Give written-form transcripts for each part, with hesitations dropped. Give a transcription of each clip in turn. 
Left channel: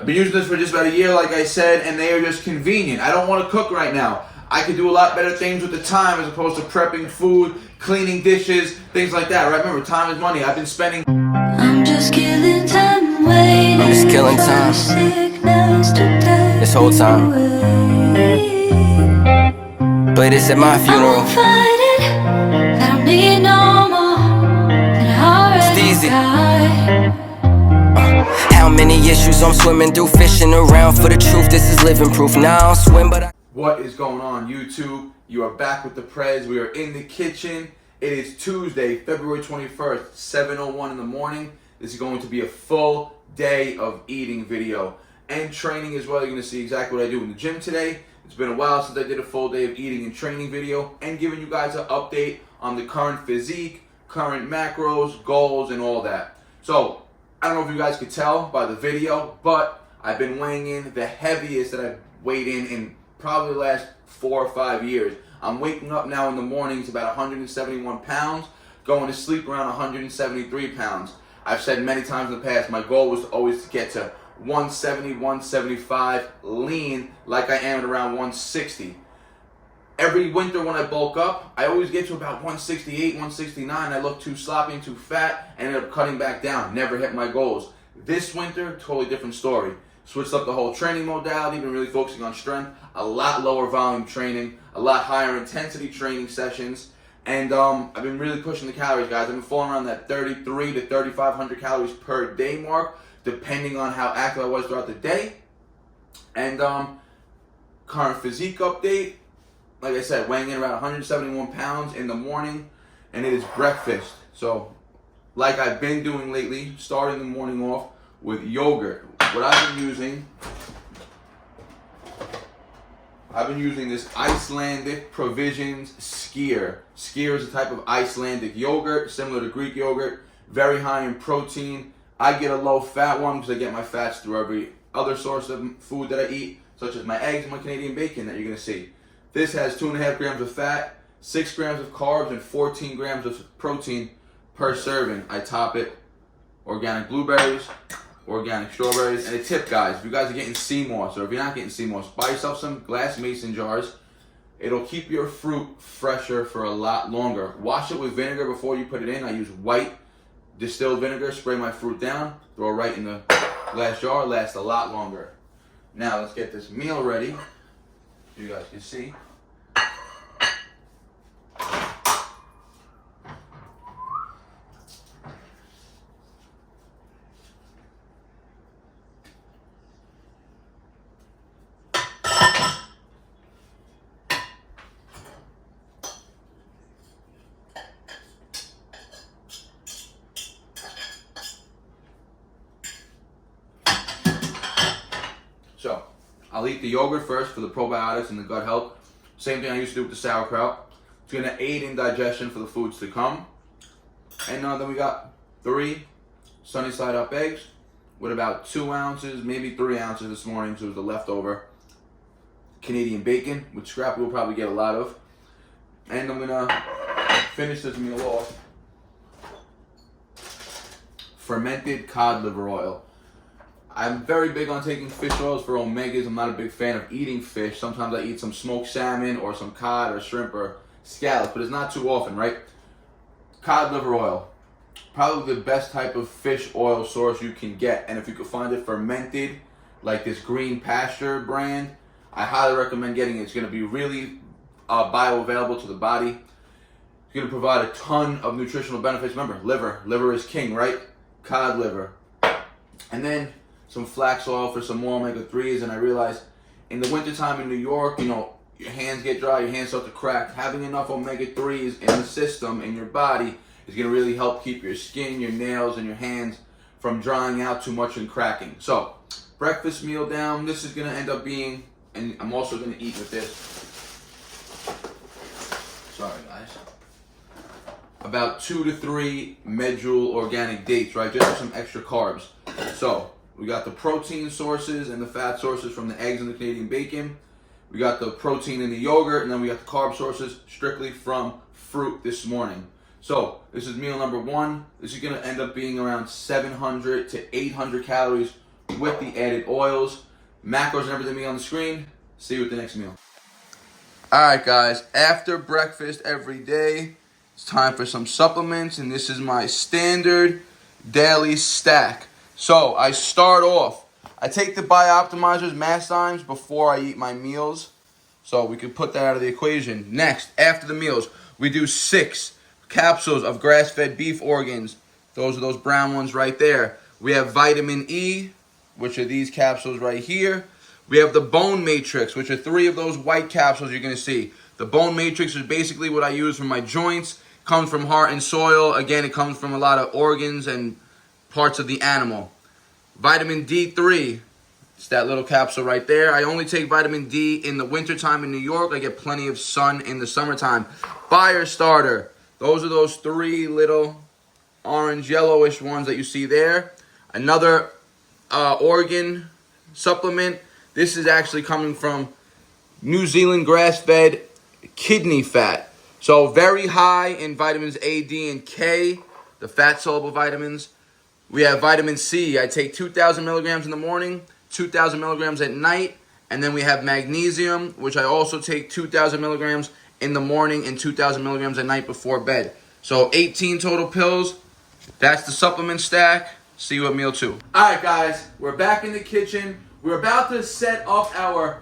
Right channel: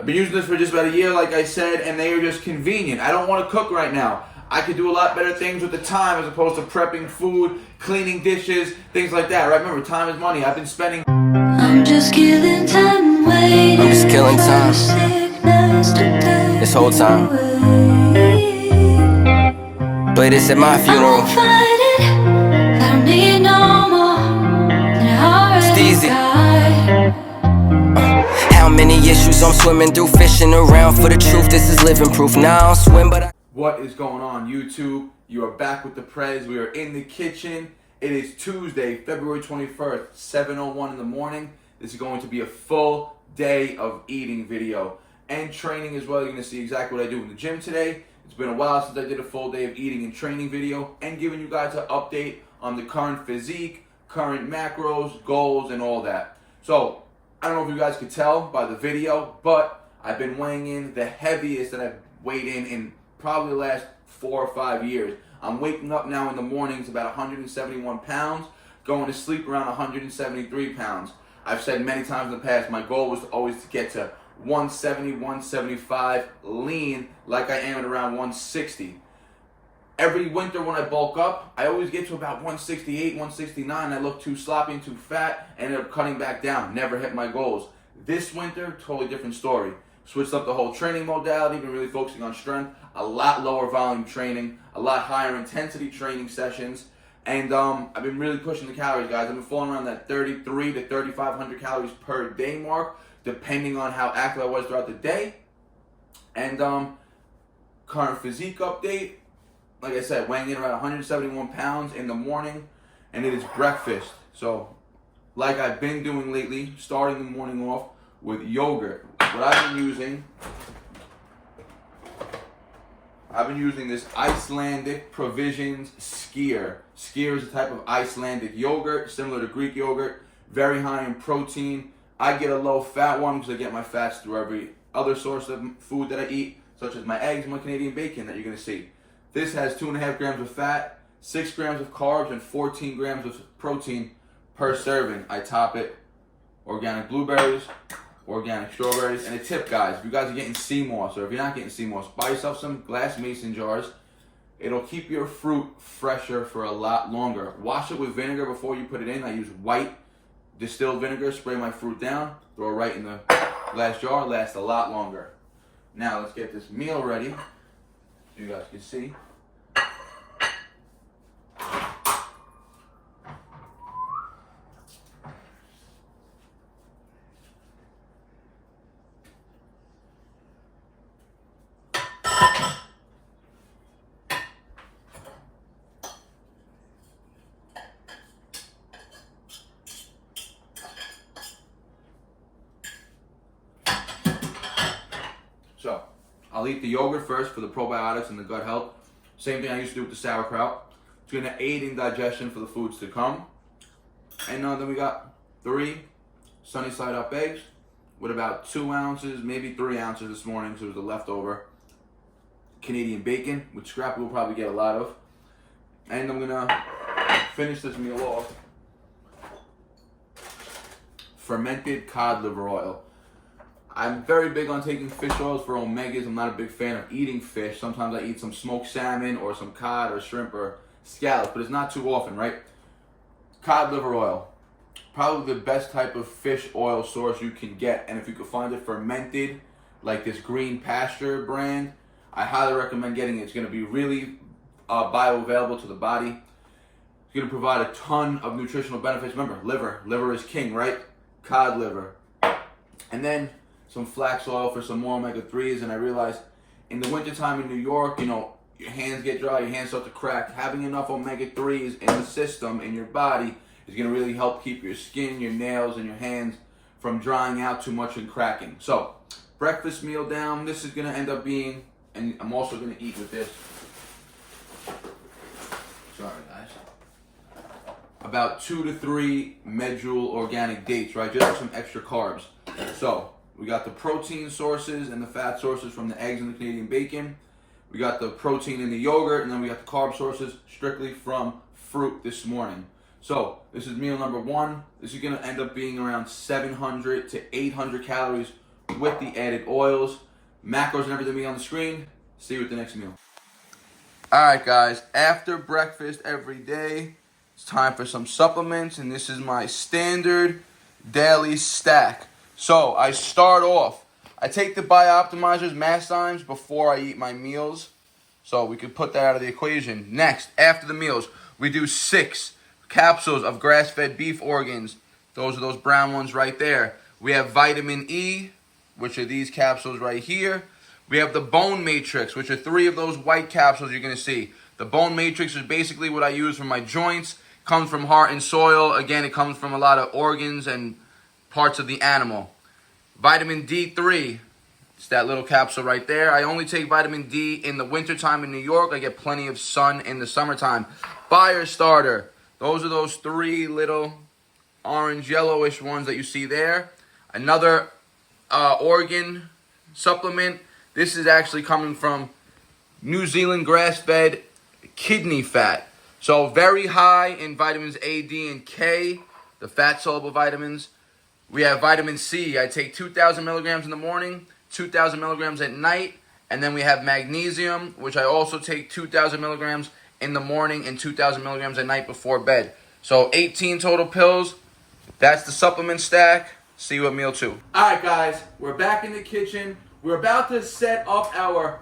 I've been using this for just about a year, like I said, and they are just convenient. I don't want to cook right now. I could do a lot better things with the time as opposed to prepping food, cleaning dishes, things like that, right? Remember, time is money. I've been spending... I'm just killing time, waiting. I'm just killing time. This whole time. Play this at my funeral. I don't need no more than I already It's easy. got. How many issues I'm swimming through, fishing around for the truth. This is living proof. Now I don't swim, but I... What is going on, YouTube? You are back with the Prez. We are in the kitchen. It is Tuesday, February 21st, 7:01 in the morning. This is going to be a full day of eating video and training as well. You're going to see exactly what I do in the gym today. It's been a while since I did a full day of eating and training video and giving you guys an update on the current physique, current macros, goals, and all that. So, I don't know if you guys could tell by the video, but I've been weighing in the heaviest that I've weighed in probably the last 4 or 5 years. I'm waking up now in the mornings about 171 pounds, going to sleep around 173 pounds. I've said many times in the past, my goal was always to get to 170, 175 lean like I am at around 160. Every winter when I bulk up, I always get to about 168, 169. I look too sloppy and too fat, and end up cutting back down. Never hit my goals. This winter, totally different story. Switched up the whole training modality, been really focusing on strength, a lot lower volume training, a lot higher intensity training sessions, and I've been really pushing the calories, guys. I've been falling around that 33 to 3,500 calories per day mark, depending on how active I was throughout the day. And current physique update, like I said, weighing in around 171 pounds in the morning, and it is breakfast. So, like I've been doing lately, starting the morning off with yogurt. What I've been using this Icelandic Provisions Skyr. Skyr is a type of Icelandic yogurt, similar to Greek yogurt, very high in protein. I get a low fat one because I get my fats through every other source of food that I eat, such as my eggs and my Canadian bacon that you're gonna see. This has 2.5 grams of fat, 6 grams of carbs, and 14 grams of protein per serving. I top it organic blueberries, organic strawberries, and a tip, guys, if you guys are getting sea moss, or if you're not getting sea moss, buy yourself some glass mason jars. It'll keep your fruit fresher for a lot longer. Wash it with vinegar before you put it in. I use white distilled vinegar, spray my fruit down, throw it right in the glass jar, lasts a lot longer. Now let's get this meal ready, so you guys can see. So, I'll eat the yogurt first for the probiotics and the gut health. Same thing I used to do with the sauerkraut. It's going to aid in digestion for the foods to come. And then we got 3 sunny side up eggs with about 2 ounces, maybe 3 ounces this morning, so it was the leftover Canadian bacon, which Scrappy will probably get a lot of. And I'm going to finish this meal off. Fermented cod liver oil. I'm very big on taking fish oils for omegas. I'm not a big fan of eating fish. Sometimes I eat some smoked salmon or some cod or shrimp or scallops, but it's not too often, right? Cod liver oil. Probably the best type of fish oil source you can get. And if you could find it fermented, like this Green Pasture brand, I highly recommend getting it. It's going to be really bioavailable to the body. It's going to provide a ton of nutritional benefits. Remember, liver is king, right? Cod liver. And then some flax oil for some more omega-3s, and I realized in the wintertime in New York, you know, your hands get dry, your hands start to crack. Having enough omega-3s in the system, in your body, is going to really help keep your skin, your nails, and your hands from drying out too much and cracking. So, breakfast meal down. This is going to end up being, and I'm also going to eat with this. Sorry, guys. About 2 to 3 medjool organic dates, right? Just for some extra carbs. So, we got the protein sources and the fat sources from the eggs and the Canadian bacon. We got the protein in the yogurt, and then we got the carb sources strictly from fruit this morning. So, this is meal number 1. This is going to end up being around 700 to 800 calories with the added oils. Macros and everything being on the screen. See you at the next meal. Alright guys, after breakfast every day, it's time for some supplements, and this is my standard daily stack. So I start off, I take the Biooptimizers Mastimes before I eat my meals. So we could put that out of the equation. Next, after the meals, we do 6 capsules of grass-fed beef organs. Those are those brown ones right there. We have vitamin E, which are these capsules right here. We have the bone matrix, which are 3 of those white capsules you're going to see. The bone matrix is basically what I use for my joints. Comes from heart and soil. Again, it comes from a lot of organs and parts of the animal. Vitamin D3, it's that little capsule right there. I only take vitamin D in the wintertime in New York. I get plenty of sun in the summertime. Fire starter, those are those 3 little orange yellowish ones that you see there. Another organ supplement. This is actually coming from New Zealand grass-fed kidney fat. So very high in vitamins A, D, and K, the fat-soluble vitamins. We have vitamin C. I take 2,000 milligrams in the morning, 2,000 milligrams at night. And then we have magnesium, which I also take 2,000 milligrams in the morning and 2,000 milligrams at night before bed. So 18 total pills. That's the supplement stack. See you at meal 2. Alright guys, we're back in the kitchen. We're about to set up our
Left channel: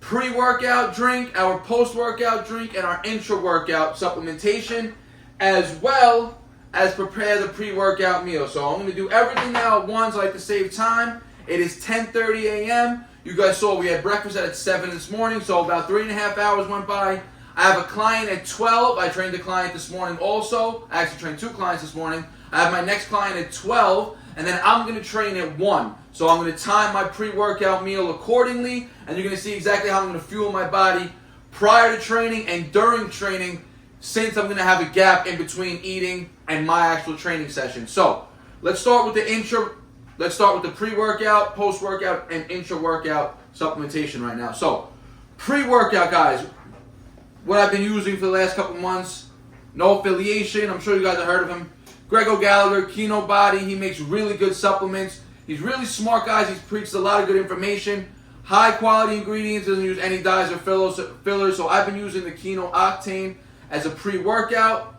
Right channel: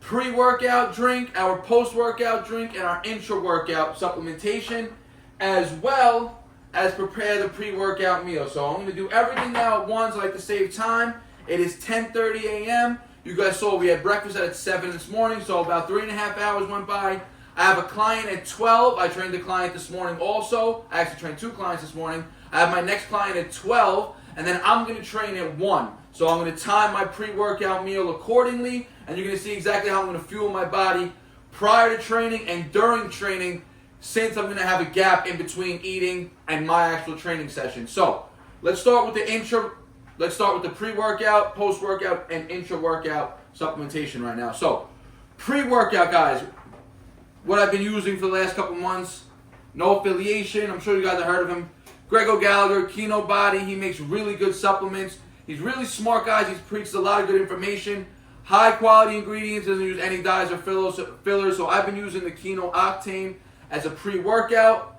pre-workout drink, our post-workout drink, and our intra-workout supplementation, as well as prepare the pre-workout meal. So I'm going to do everything now at once. I like to save time. It is 10:30 a.m. You guys saw we had breakfast at 7 this morning, so about 3.5 hours went by. I have a client at 12. I trained a client this morning also. I actually trained 2 clients this morning. I have my next client at 12, and then I'm going to train at 1. So I'm going to time my pre-workout meal accordingly, and you're going to see exactly how I'm going to fuel my body prior to training and during training, since I'm going to have a gap in between eating and my actual training session. So let's start with the Let's start with the pre-workout, post-workout, and intra-workout supplementation right now. So pre-workout, guys, what I've been using for the last couple months, no affiliation. I'm sure you guys have heard of him. Greg O'Gallagher, Keno Body. He makes really good supplements. He's really smart, guys. He preaches a lot of good information. High quality ingredients. Doesn't use any dyes or fillers. So I've been using the Keno Octane as a pre-workout.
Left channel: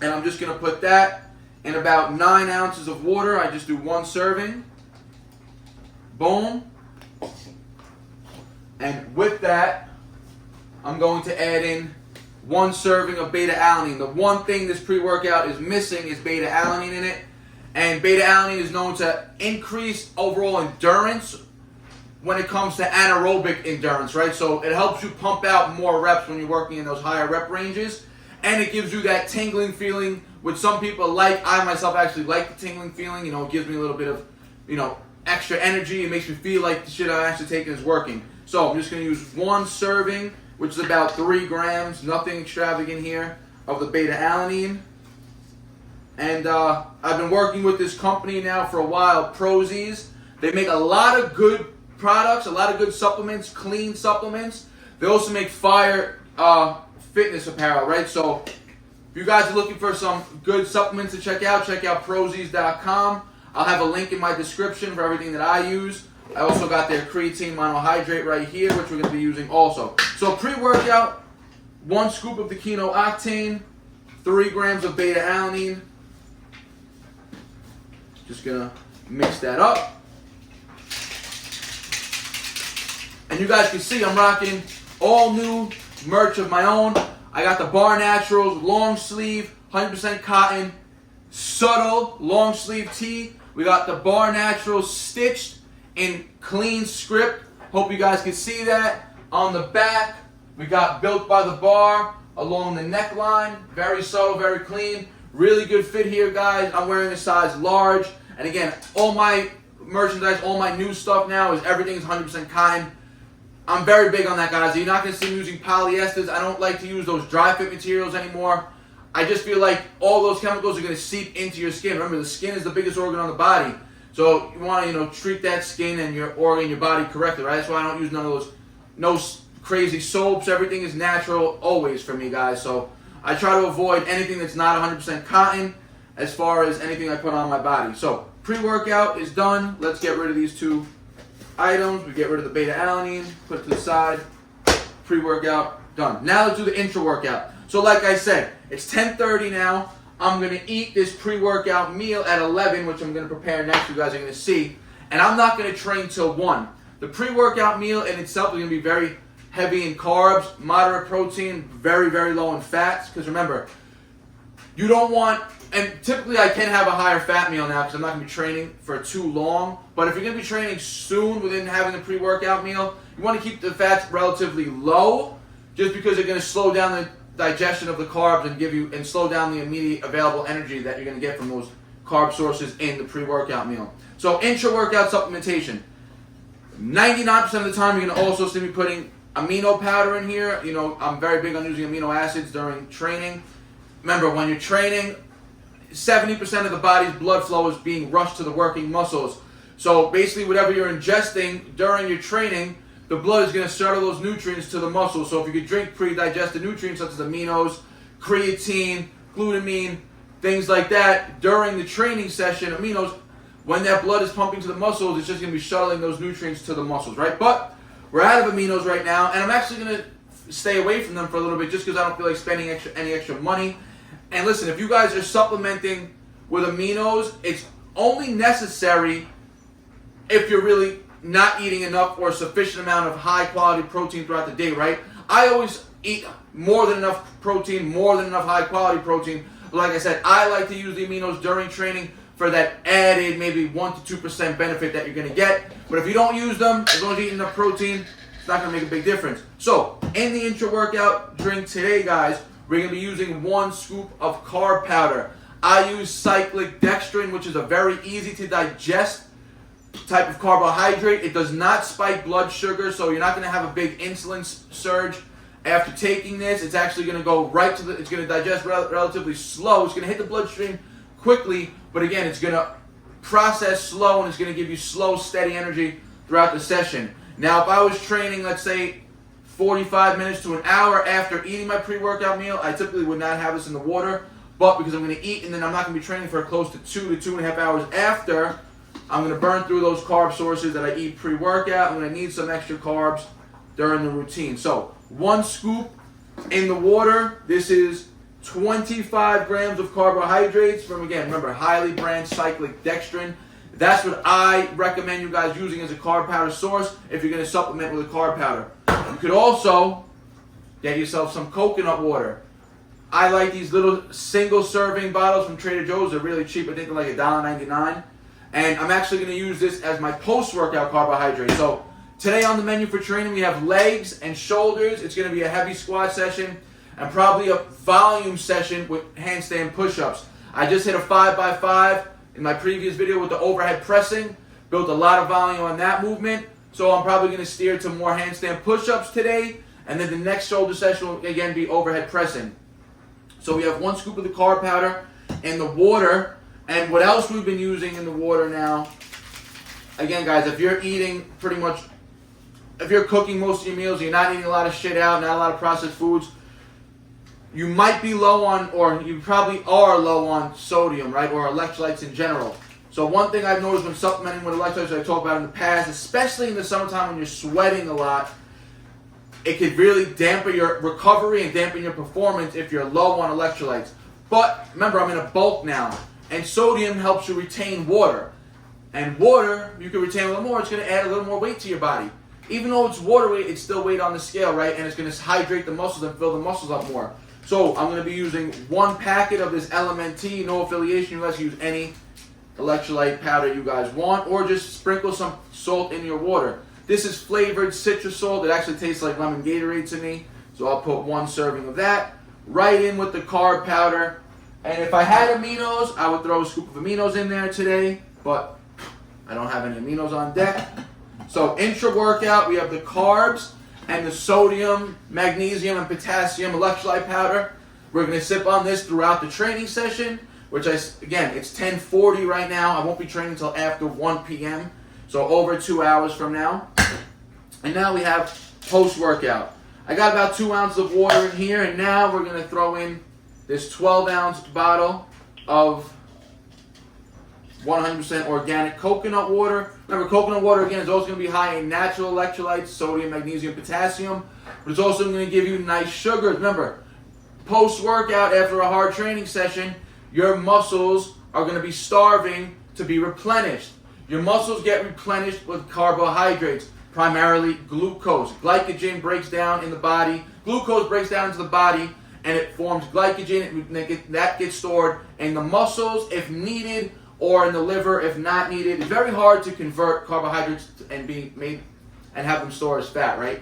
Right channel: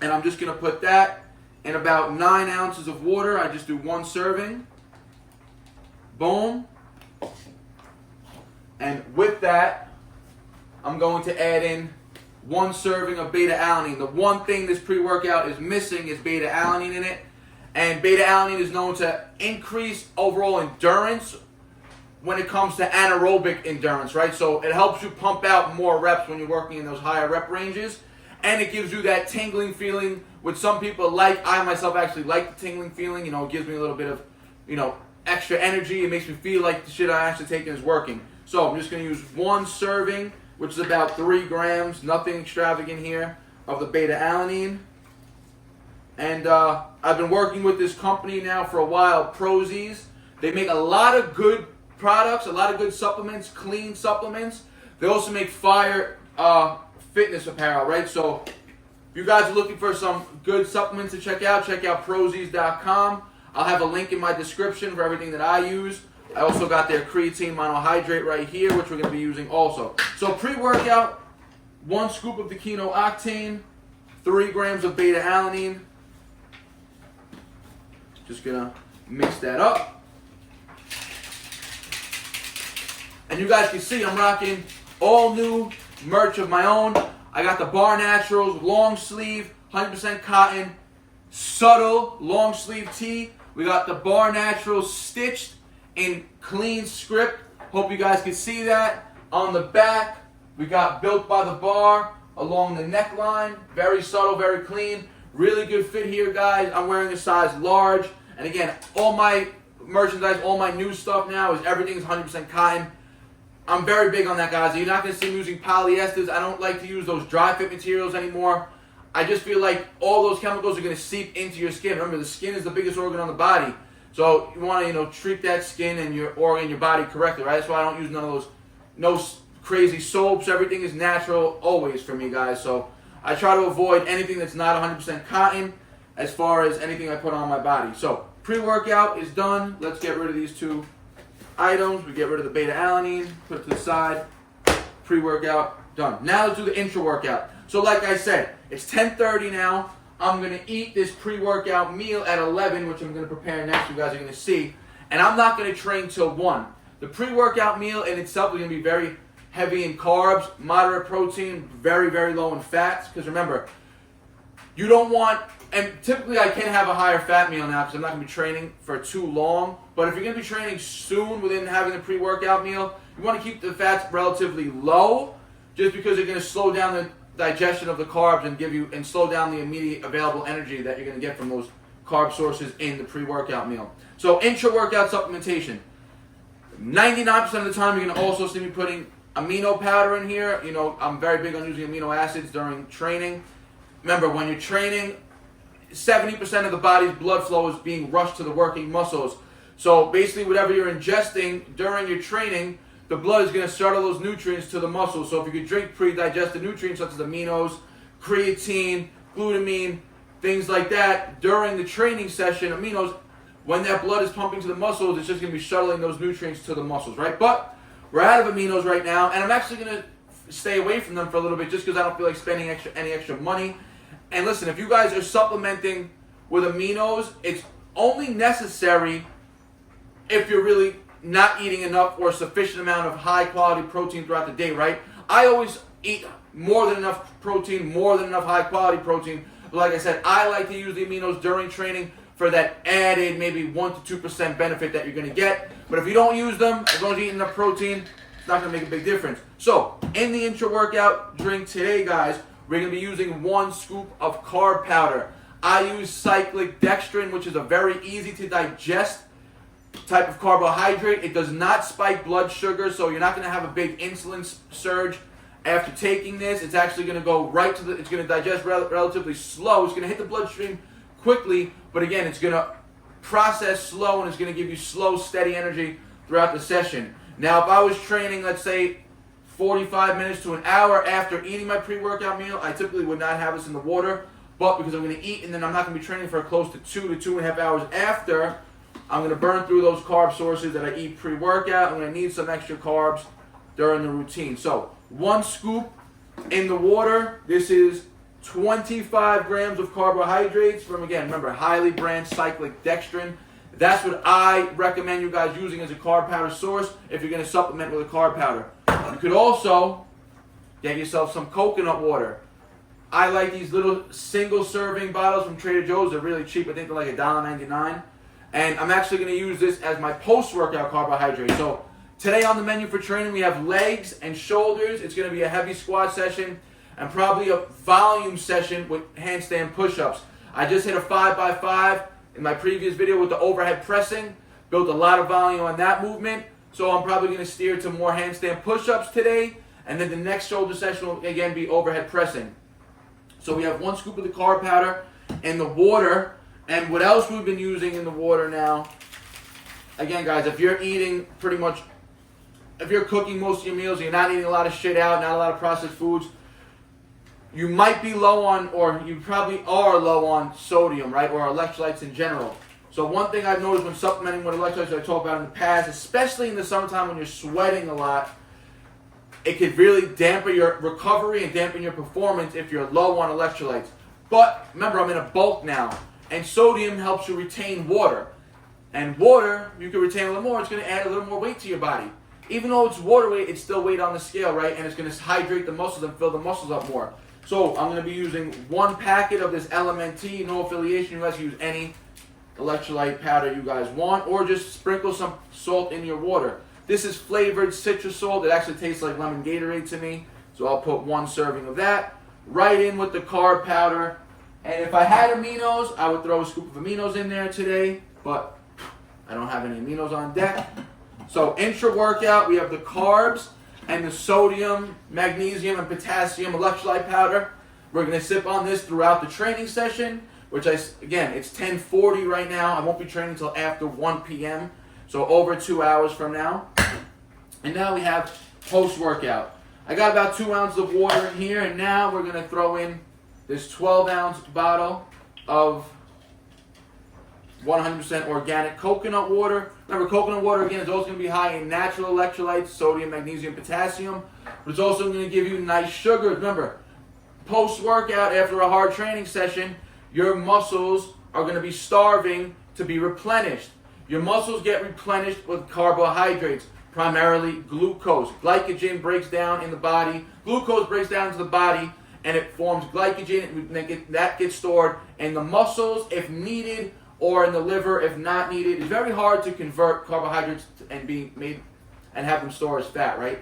And I'm just going to put that in about 9 ounces of water. I just do 1 serving. Boom. And with that, I'm going to add in 1 serving of beta-alanine. The one thing this pre-workout is missing is beta-alanine in it. And beta-alanine is known to increase overall endurance when it comes to anaerobic endurance, right? So it helps you pump out more reps when you're working in those higher rep ranges. And it gives you that tingling feeling, which some people like. I myself actually like the tingling feeling. You know, it gives me a little bit of, extra energy. It makes me feel like the shit I'm actually taking is working. So I'm just going to use 1 serving, which is about 3 grams, nothing extravagant here, of the beta-alanine. And I've been working with this company now for a while, ProZs. They make a lot of good products, a lot of good supplements, clean supplements. They also make fire fitness apparel, right? So if you guys are looking for some good supplements to check out ProZs.com. I'll have a link in my description for everything that I use. I also got their creatine monohydrate right here, which we're going to be using also. So pre-workout, 1 scoop of the Keno Octane, 3 grams of beta-alanine. Just going to mix that up. And you guys can see I'm rocking all new merch of my own. I got the BARNATURALS long sleeve, 100% cotton, subtle long sleeve tee. We got the BARNATURALS stitched in clean script. Hope you guys can see that. On the back, we got Built by the Bar along the neckline. Very subtle, very clean. Really good fit here, guys. I'm wearing a size large. And again, all my merchandise, all my new stuff now is everything is 100% cotton. I'm very big on that, guys. You're not going to see me using polyesters. I don't like to use those dry fit materials anymore. I just feel like all those chemicals are going to seep into your skin. Remember, the skin is the biggest organ on the body. So you want to, treat that skin and your organ, your body correctly, right? That's why I don't use none of those, no crazy soaps. Everything is natural always for me, guys. So I try to avoid anything that's not 100% cotton as far as anything I put on my body. So pre-workout is done. Let's get rid of these two items. We get rid of the beta-alanine, put it to the side. Pre-workout done. Now let's do the intra-workout. So like I said, it's 10:30 now. I'm going to eat this pre-workout meal at 11, which I'm going to prepare next. You guys are going to see. And I'm not going to train till 1. The pre-workout meal in itself is going to be very heavy in carbs, moderate protein, very, very low in fats. Because remember, you don't want, and typically I can have a higher fat meal now because I'm not going to be training for too long. But if you're going to be training soon within having a pre-workout meal, you want to keep the fats relatively low just because they're going to slow down the digestion of the carbs and give you, and slow down the immediate available energy that you're going to get from those carb sources in the pre-workout meal. So intra-workout supplementation. 99% of the time you're going to also see me putting amino powder in here. You know, I'm very big on using amino acids during training. Remember, when you're training, 70% of the body's blood flow is being rushed to the working muscles. So basically whatever you're ingesting during your training, the blood is going to shuttle those nutrients to the muscles. So if you could drink pre-digested nutrients such as aminos, creatine, glutamine, things like that during the training session, aminos, when that blood is pumping to the muscles, it's just going to be shuttling those nutrients to the muscles, right? But we're out of aminos right now, and I'm actually going to stay away from them for a little bit just because I don't feel like spending any extra money. And listen, if you guys are supplementing with aminos, it's only necessary if you're really not eating enough or a sufficient amount of high quality protein throughout the day, right? I always eat more than enough protein, more than enough high quality protein. But like I said, I like to use the aminos during training for that added maybe 1 to 2% benefit that you're going to get. But if you don't use them, as long as you eat enough protein, it's not going to make a big difference. So in the intra-workout drink today, guys, we're going to be using 1 scoop of carb powder. I use cyclic dextrin, which is a very easy to digest type of carbohydrate. It does not spike blood sugar, so you're not going to have a big insulin surge after taking this. It's actually going to go right to the, it's going to digest relatively slow. It's going to hit the bloodstream quickly, but again, it's going to process slow, and it's going to give you slow, steady energy throughout the session. Now, if I was training, let's say 45 minutes to an hour after eating my pre-workout meal, I typically would not have this in the water, but because I'm going to eat and then I'm not going to be training for close to 2 to 2.5 hours after, I'm going to burn through those carb sources that I eat pre-workout. I'm going to need some extra carbs during the routine. So 1 scoop in the water. This is 25 grams of carbohydrates from, again, remember, highly branched cyclic dextrin. That's what I recommend you guys using as a carb powder source if you're going to supplement with a carb powder. You could also get yourself some coconut water. I like these little single serving bottles from Trader Joe's. They're really cheap. I think they're like $1.99. And I'm actually going to use this as my post-workout carbohydrate. So today on the menu for training, we have legs and shoulders. It's going to be a heavy squat session and probably a volume session with handstand push-ups. I just hit a 5x5 in my previous video with the overhead pressing. Built a lot of volume on that movement. So I'm probably going to steer to more handstand push-ups today. And then the next shoulder session will again be overhead pressing. So we have 1 scoop of the carb powder and the water. And what else we've been using in the water now, again guys, if you're eating pretty much, if you're cooking most of your meals, you're not eating a lot of shit out, not a lot of processed foods, you might be low on, or you probably are low on sodium, right, or electrolytes in general. So one thing I've noticed when supplementing with electrolytes, I talked about in the past, especially in the summertime when you're sweating a lot, it could really dampen your recovery and dampen your performance if you're low on electrolytes. But remember, I'm in a bulk now. And sodium helps you retain water. And water, you can retain a little more, it's going to add a little more weight to your body. Even though it's water weight, it's still weight on the scale, right? And it's going to hydrate the muscles and fill the muscles up more. So I'm going to be using 1 packet of this LMNT, no affiliation. You guys can use any electrolyte powder you guys want, or just sprinkle some salt in your water. This is flavored citrus salt. It actually tastes like lemon Gatorade to me. So I'll put 1 serving of that right in with the carb powder. And if I had aminos, I would throw a scoop of aminos in there today, but I don't have any aminos on deck. So intra-workout, we have the carbs and the sodium, magnesium, and potassium electrolyte powder. We're going to sip on this throughout the training session, which again, it's 10:40 right now. I won't be training until after 1 p.m., so over 2 hours from now. And now we have post-workout. I got about 2 ounces of water in here, and now we're going to throw in this 12-ounce bottle of 100% organic coconut water. Remember, coconut water, again, is also going to be high in natural electrolytes, sodium, magnesium, potassium, but it's also going to give you nice sugars. Remember, post-workout, after a hard training session, your muscles are going to be starving to be replenished. Your muscles get replenished with carbohydrates, primarily glucose. Glycogen breaks down in the body. Glucose breaks down into the body, and it forms glycogen. That gets stored in the muscles if needed, or in the liver if not needed. It's very hard to convert carbohydrates and be made and have them store as fat, right?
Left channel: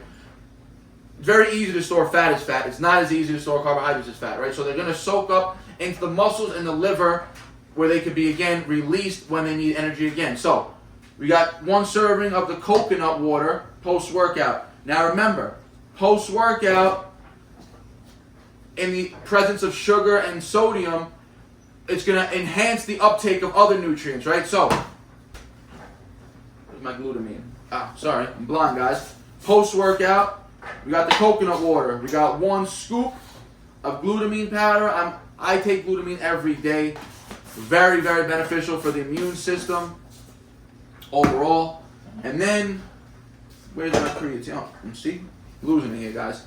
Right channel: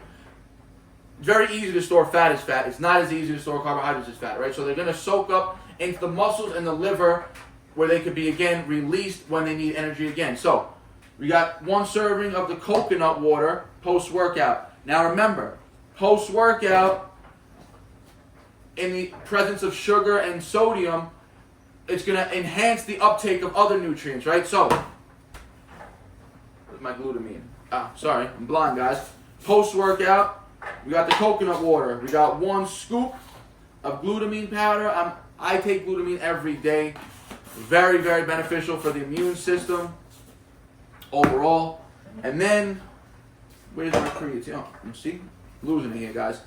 It's very easy to store fat as fat. It's not as easy to store carbohydrates as fat, right? So they're going to soak up into the muscles and the liver, where they could be, again, released when they need energy again. So we got 1 serving of the coconut water post-workout. Now remember, post-workout, in the presence of sugar and sodium, it's going to enhance the uptake of other nutrients, right? So, where's my glutamine? Sorry, I'm blind, guys. Post-workout, we got the coconut water. We got 1 scoop of glutamine powder. I take glutamine every day. Very, very beneficial for the immune system overall. And then, where's my creatine? Oh, you see? Losing it here, guys.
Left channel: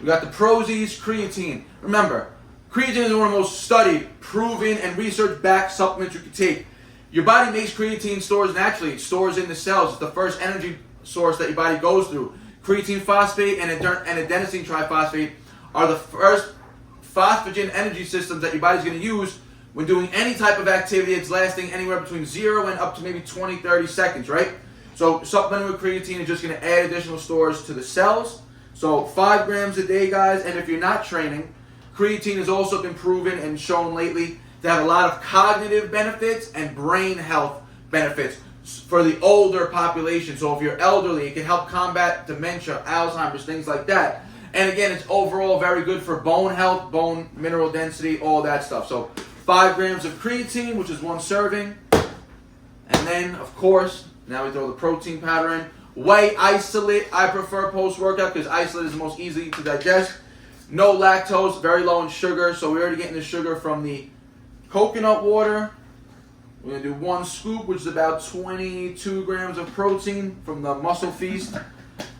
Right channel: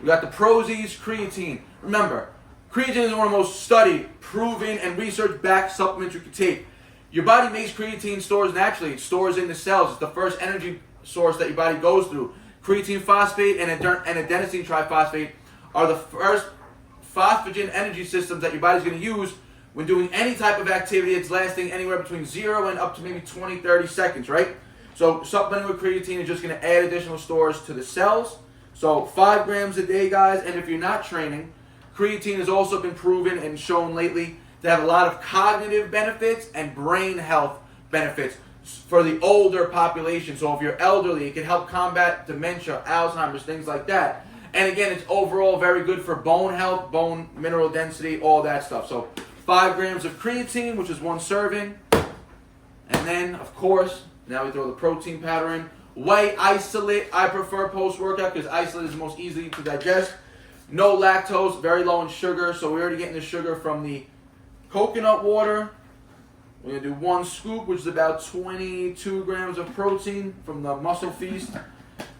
We got the Prozis creatine. Remember, creatine is one of the most studied, proven, and research-backed supplements you can take. Your body makes creatine stores naturally. It stores in the cells. It's the first energy source that your body goes through. Creatine phosphate and adenosine triphosphate are the first phosphagen energy systems that your body's going to use when doing any type of activity that's lasting anywhere between 0 and up to maybe 20, 30 seconds, right? So supplementing with creatine is just going to add additional stores to the cells. So 5 grams a day, guys. And if you're not training, creatine has also been proven and shown lately to have a lot of cognitive benefits and brain health benefits for the older population. So if you're elderly, it can help combat dementia, Alzheimer's, things like that. And again, it's overall very good for bone health, bone mineral density, all that stuff. So 5 grams of creatine, which is 1 serving. And then, of course, now we throw the protein powder in. Whey isolate, I prefer post-workout because isolate is the most easy to digest. No lactose, very low in sugar. So we're already getting the sugar from the coconut water. We're going to do 1 scoop, which is about 22 grams of protein from the Muscle Feast.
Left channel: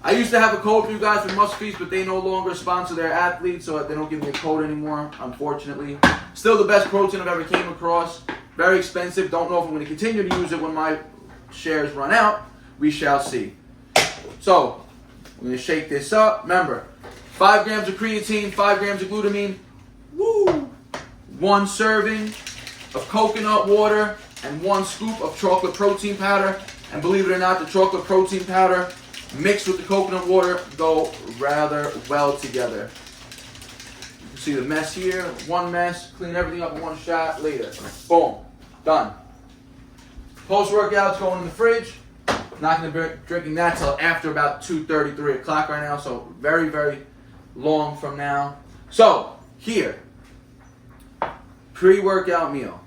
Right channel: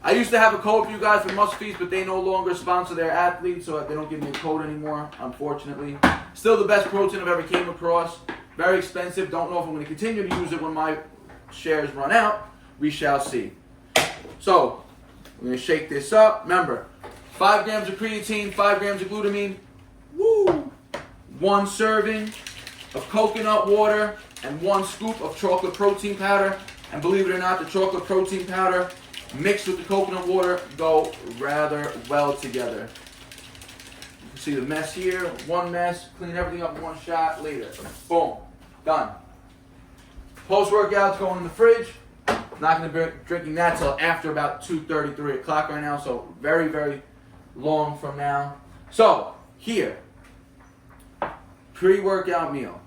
I used to have a code for you guys for Muscle Feast, but they no longer sponsor their athletes, so they don't give me a code anymore, unfortunately. Still the best protein I've ever came across. Very expensive. Don't know if I'm going to continue to use it when my shares run out. We shall see. So, we're going to shake this up. Remember, 5 grams of creatine, 5 grams of glutamine. Woo! 1 serving of coconut water and 1 scoop of chocolate protein powder. And believe it or not, the chocolate protein powder mixed with the coconut water go rather well together. You can see the mess here. 1 mess. Clean everything up in 1 shot. Later. Boom. Done. Post-workout's going in the fridge. Not going to be drinking that till after about 2:30, 3 o'clock right now. So very, very long from now. So here, pre-workout meal.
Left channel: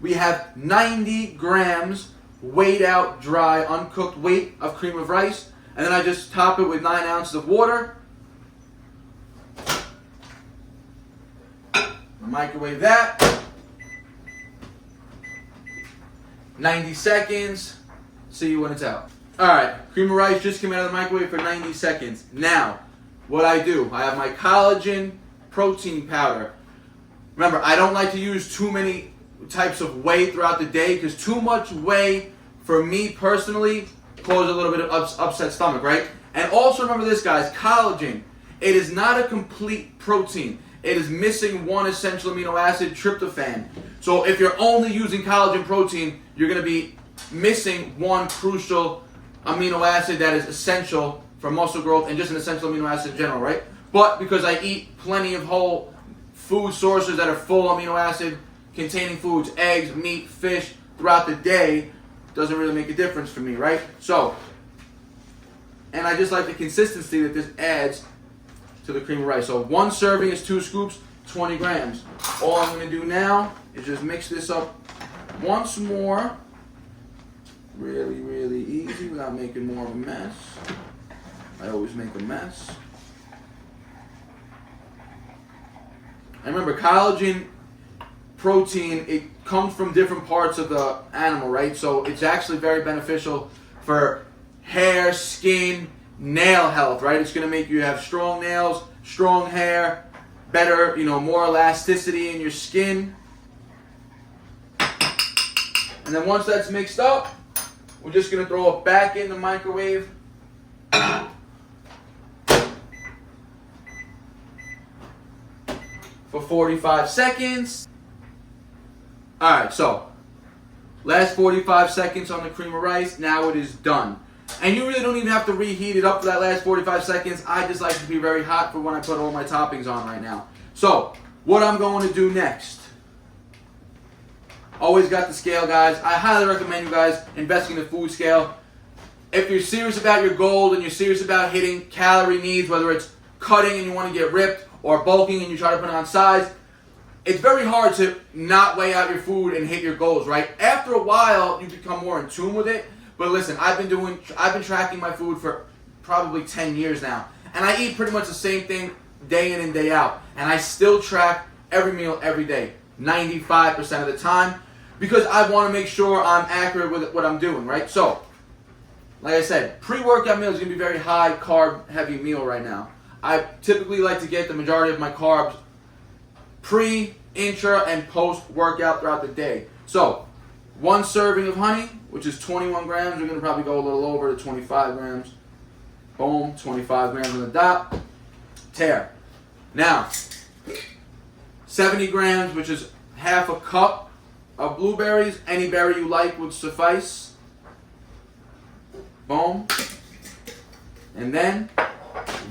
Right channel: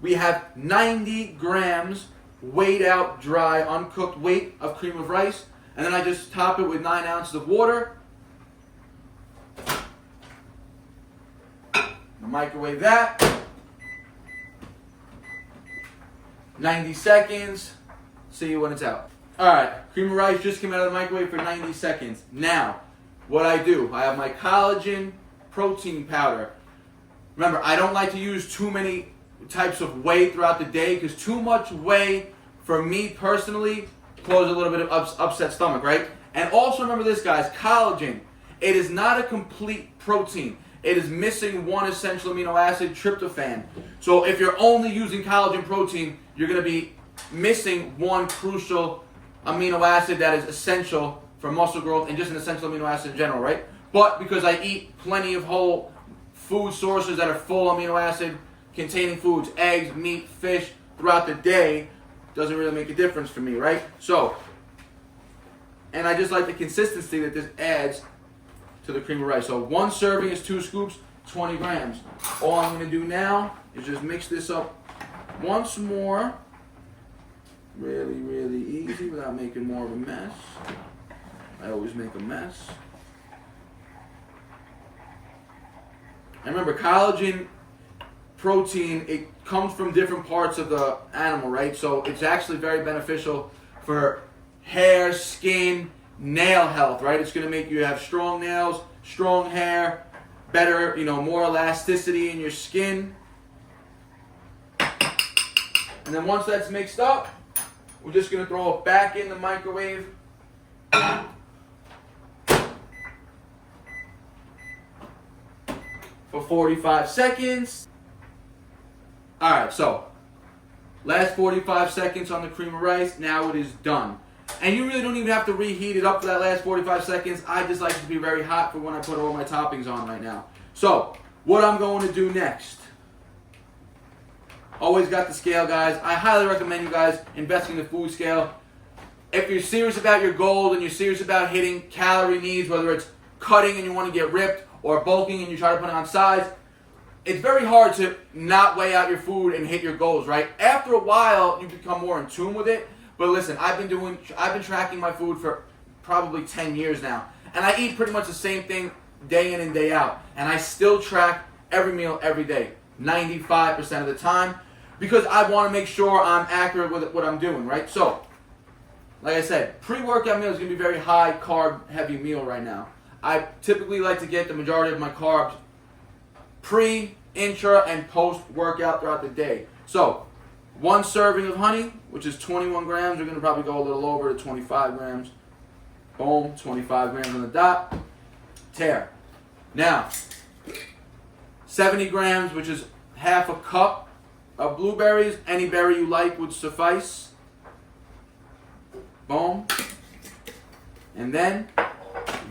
We have 90 grams weighed out, dry, uncooked weight of cream of rice. And then I just top it with 9 ounces of water. Microwave that. 90 seconds. See you when it's out. Alright, cream of rice just came out of the microwave for 90 seconds. Now, what I do, I have my collagen protein powder. Remember, I don't like to use too many types of whey throughout the day because too much whey, for me personally, causes a little bit of upset stomach, right? And also remember this, guys, collagen. It is not a complete protein. It is missing 1 essential amino acid, tryptophan. So if you're only using collagen protein, you're going to be missing 1 crucial amino acid that is essential for muscle growth and just an essential amino acid in general, right? But because I eat plenty of whole food sources that are full amino acid containing foods, eggs, meat, fish, throughout the day, doesn't really make a difference for me, right? So, and I just like the consistency that this adds to the cream of rice. So 1 serving is 2 scoops, 20 grams. All I'm going to do now is just mix this up once more. Really, really easy without making more of a mess. I always make a mess. And remember, collagen protein, it comes from different parts of the animal, right? So it's actually very beneficial for hair, skin, nail health, right? It's going to make you have strong nails, strong hair, better, more elasticity in your skin. And then once that's mixed up, we're just going to throw it back in the microwave. For 45 seconds. Alright, so last 45 seconds on the cream of rice. Now it is done. And you really don't even have to reheat it up for that last 45 seconds. I just like it to be very hot for when I put all my toppings on right now. So, what I'm going to do next. Always got the scale, guys. I highly recommend you guys investing in the food scale. If you're serious about your goal and you're serious about hitting calorie needs, whether it's cutting and you want to get ripped or bulking and you try to put on size, it's very hard to not weigh out your food and hit your goals, right? After a while, you become more in tune with it. But listen, I've been tracking my food for probably 10 years now. And I eat pretty much the same thing day in and day out. And I still track every meal every day, 95% of the time, because I want to make sure I'm accurate with what I'm doing, right? So, like I said, pre-workout meal is going to be a very high carb heavy meal right now. I typically like to get the majority of my carbs pre, intra, and post-workout throughout the day. So, 1 serving of honey, which is 21 grams. We're going to probably go a little over to 25 grams. Boom, 25 grams on the dot. Tear. Now, 70 grams, which is half a cup of blueberries. Any berry you like would suffice. Boom. And then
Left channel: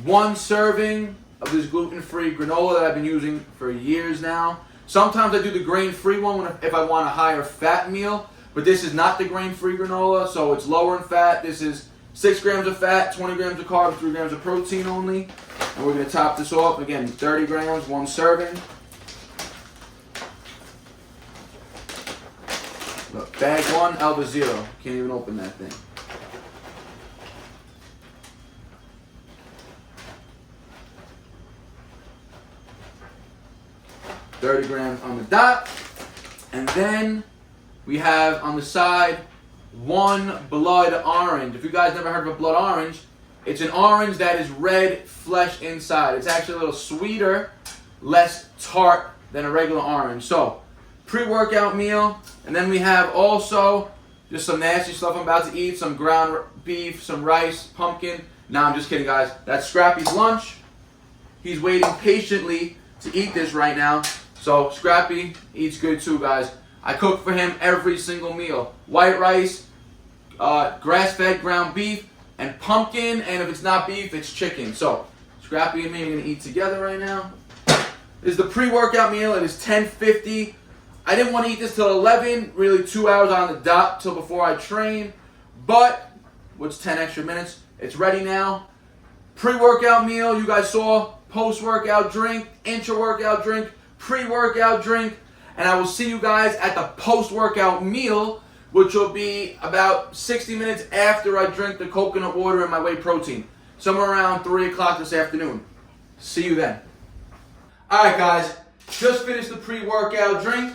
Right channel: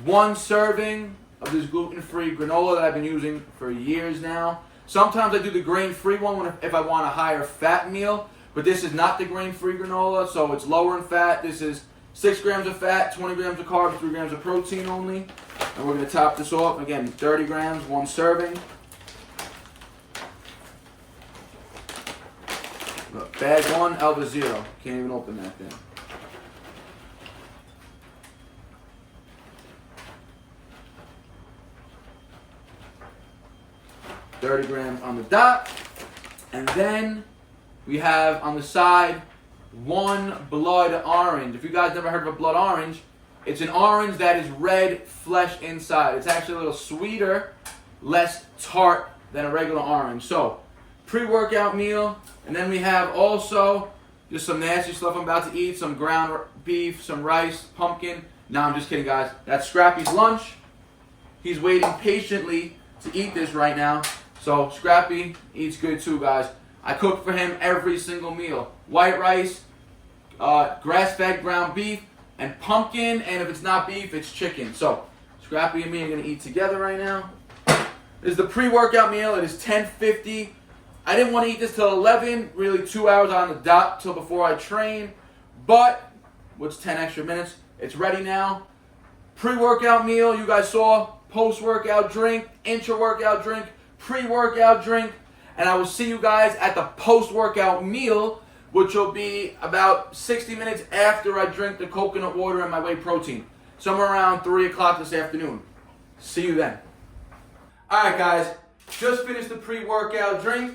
1 serving of this gluten-free granola that I've been using for years now. Sometimes I do the grain-free one if I want a higher fat meal, but this is not the grain-free granola, so it's lower in fat. This is 6 grams of fat, 20 grams of carbs, 3 grams of protein only. And we're going to top this off. Again, 30 grams, 1 serving. Look, bag 1, Alva 0. Can't even open that thing. $30 grams on the dot. And then we have on the side 1 blood orange. If you guys never heard of a blood orange, it's an orange that is red flesh inside. It's actually a little sweeter, less tart than a regular orange. So, pre-workout meal. And then we have also just some nasty stuff I'm about to eat. Some ground beef, some rice, pumpkin. No, I'm just kidding, guys. That's Scrappy's lunch. He's waiting patiently to eat this right now. So Scrappy eats good too, guys. I cook for him every single meal. White rice, grass-fed ground beef, and pumpkin. And if it's not beef, it's chicken. So Scrappy and me are going to eat together right now. This is the pre-workout meal. It is 10:50. I didn't want to eat this till 11. Really 2 hours on the dot till before I train. But, what's 10 extra minutes? It's ready now. Pre-workout meal, you guys saw. Post-workout drink, intra-workout drink, pre-workout drink, and I will see you guys at the post-workout meal, which will be about 60 minutes after I drink the coconut water and my whey protein, somewhere around 3 o'clock this afternoon. See you then. Alright guys, just finished the pre-workout drink.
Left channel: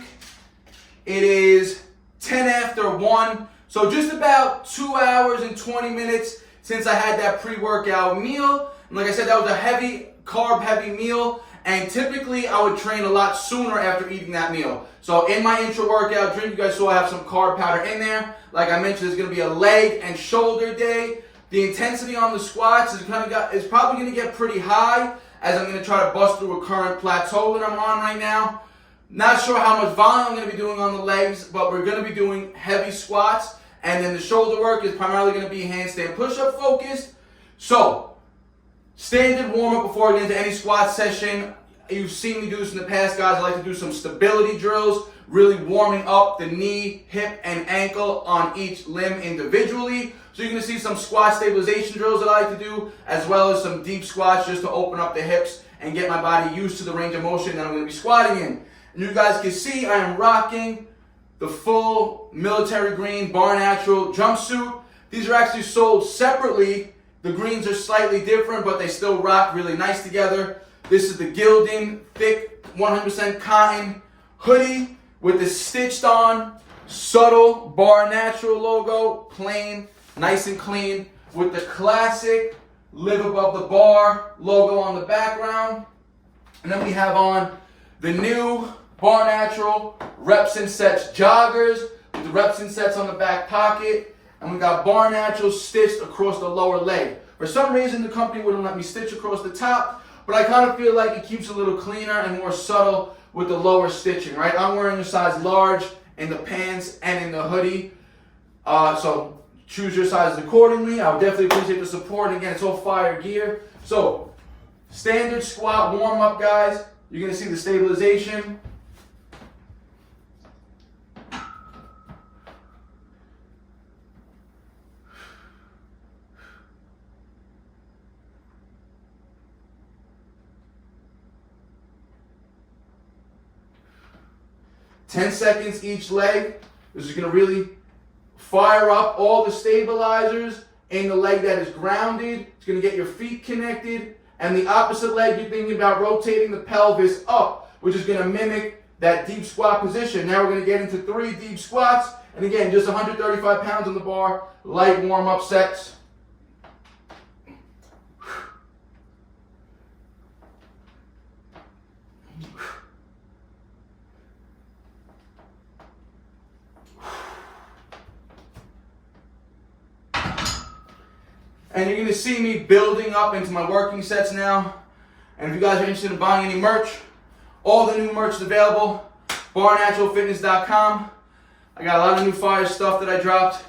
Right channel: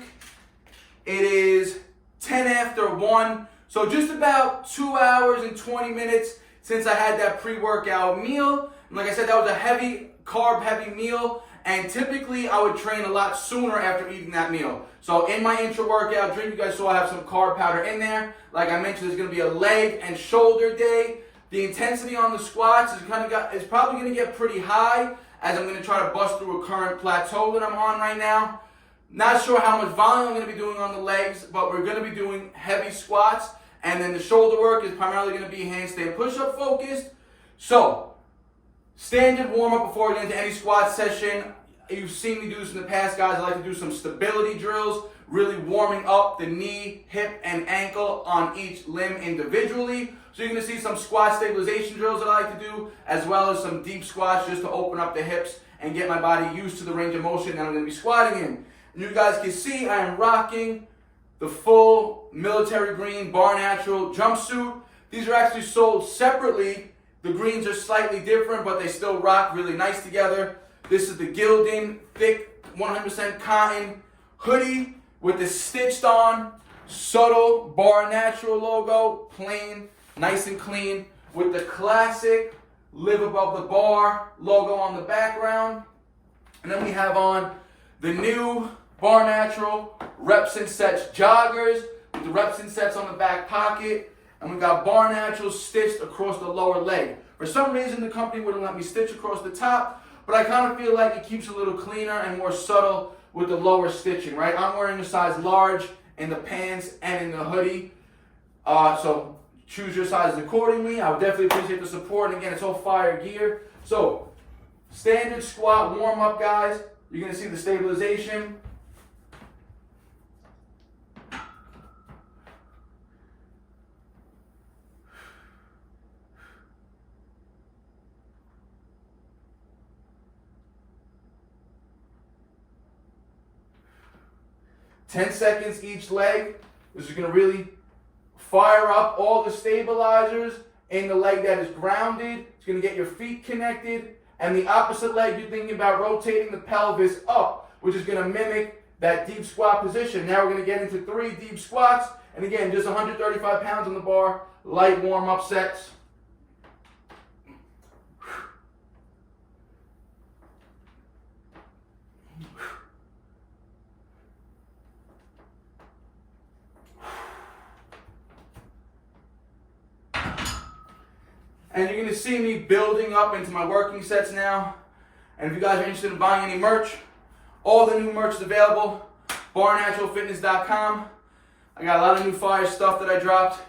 It is 10 after 1, so just about 2 hours and 20 minutes since I had that pre-workout meal. And like I said, that was a heavy carb-heavy meal, and typically I would train a lot sooner after eating that meal. So in my intra-workout drink, you guys saw I have some carb powder in there. Like I mentioned, there's going to be a leg and shoulder day. The intensity on the squats is probably going to get pretty high, as I'm going to try to bust through a current plateau that I'm on right now. Not sure how much volume I'm going to be doing on the legs, but we're going to be doing heavy squats. And then the shoulder work is primarily going to be handstand push-up focused. So, standard warm-up before I get into any squat session. You've seen me do this in the past, guys. I like to do some stability drills, really warming up the knee, hip, and ankle on each limb individually. So you're going to see some squat stabilization drills that I like to do, as well as some deep squats just to open up the hips and get my body used to the range of motion that I'm going to be squatting in. And you guys can see I am rocking the full military green BARNATURAL jumpsuit. These are actually sold separately. The greens are slightly different, but they still rock really nice together. This is the Gildan thick 100% cotton hoodie. with the stitched on, subtle Bar Natural logo, plain, nice and clean, with the classic Live Above the Bar logo on the background. And then we have on the new Bar Natural Reps and Sets joggers with the Reps and Sets on the back pocket. And we got Bar Natural stitched across the lower leg. For some reason, the company wouldn't let me stitch across the top, but I kind of feel like it keeps it a little cleaner and more subtle with the lower stitching, right? I'm wearing a size large in the pants and in the hoodie. So choose your sizes accordingly. I would definitely appreciate the support. And again, it's all fire gear. So standard squat warm up, guys. You're going to see the stabilization. Ten seconds each leg. This is going to really fire up all the stabilizers in the leg that is grounded. It's going to get your feet connected. And the opposite leg, you're thinking about rotating the pelvis up, which is going to mimic that deep squat position. Now we're going to get into 3 deep squats. And again, just 135 pounds on the bar, light warm-up sets. And you're going to see me building up into my working sets now. And if you guys are interested in buying any merch, all the new merch is available. BarNaturalFitness.com. I got a lot of new fire stuff that I dropped,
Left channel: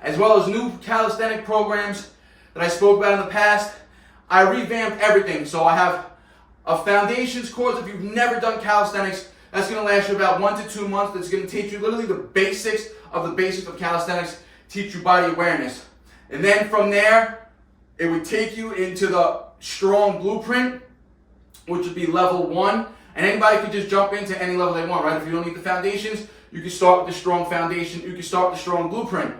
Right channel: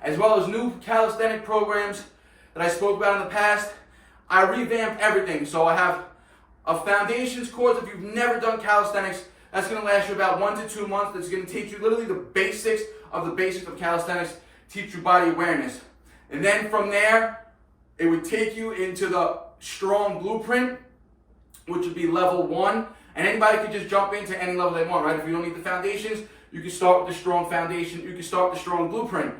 as well as new calisthenic programs that I spoke about in the past. I revamped everything. So I have a foundations course. If you've never done calisthenics, that's going to last you about 1 to 2 months. That's going to teach you literally the basics of calisthenics, teach you body awareness. And then from there, it would take you into the strong blueprint, which would be level 1. And anybody could just jump into any level they want, right? If you don't need the foundations, you can start with the strong foundation. You can start with the strong blueprint.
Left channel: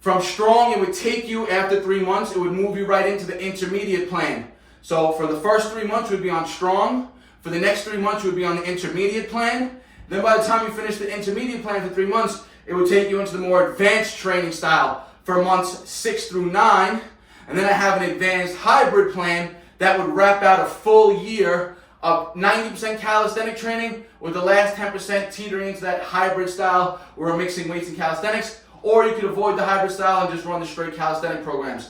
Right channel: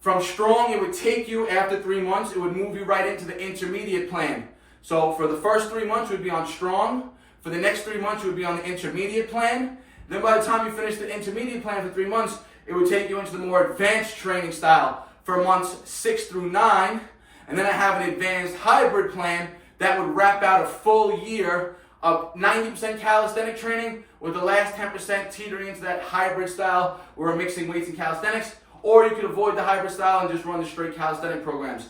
From strong, it would take you, after 3 months, it would move you right into the intermediate plan. So for the first 3 months, you would be on strong. For the next 3 months, you would be on the intermediate plan. Then by the time you finish the intermediate plan for 3 months, it would take you into the more advanced training style for months 6 through 9. And then I have an advanced hybrid plan that would wrap out a full year of 90% calisthenic training with the last 10% teetering into that hybrid style where we're mixing weights and calisthenics. Or you could avoid the hybrid style and just run the straight calisthenic programs.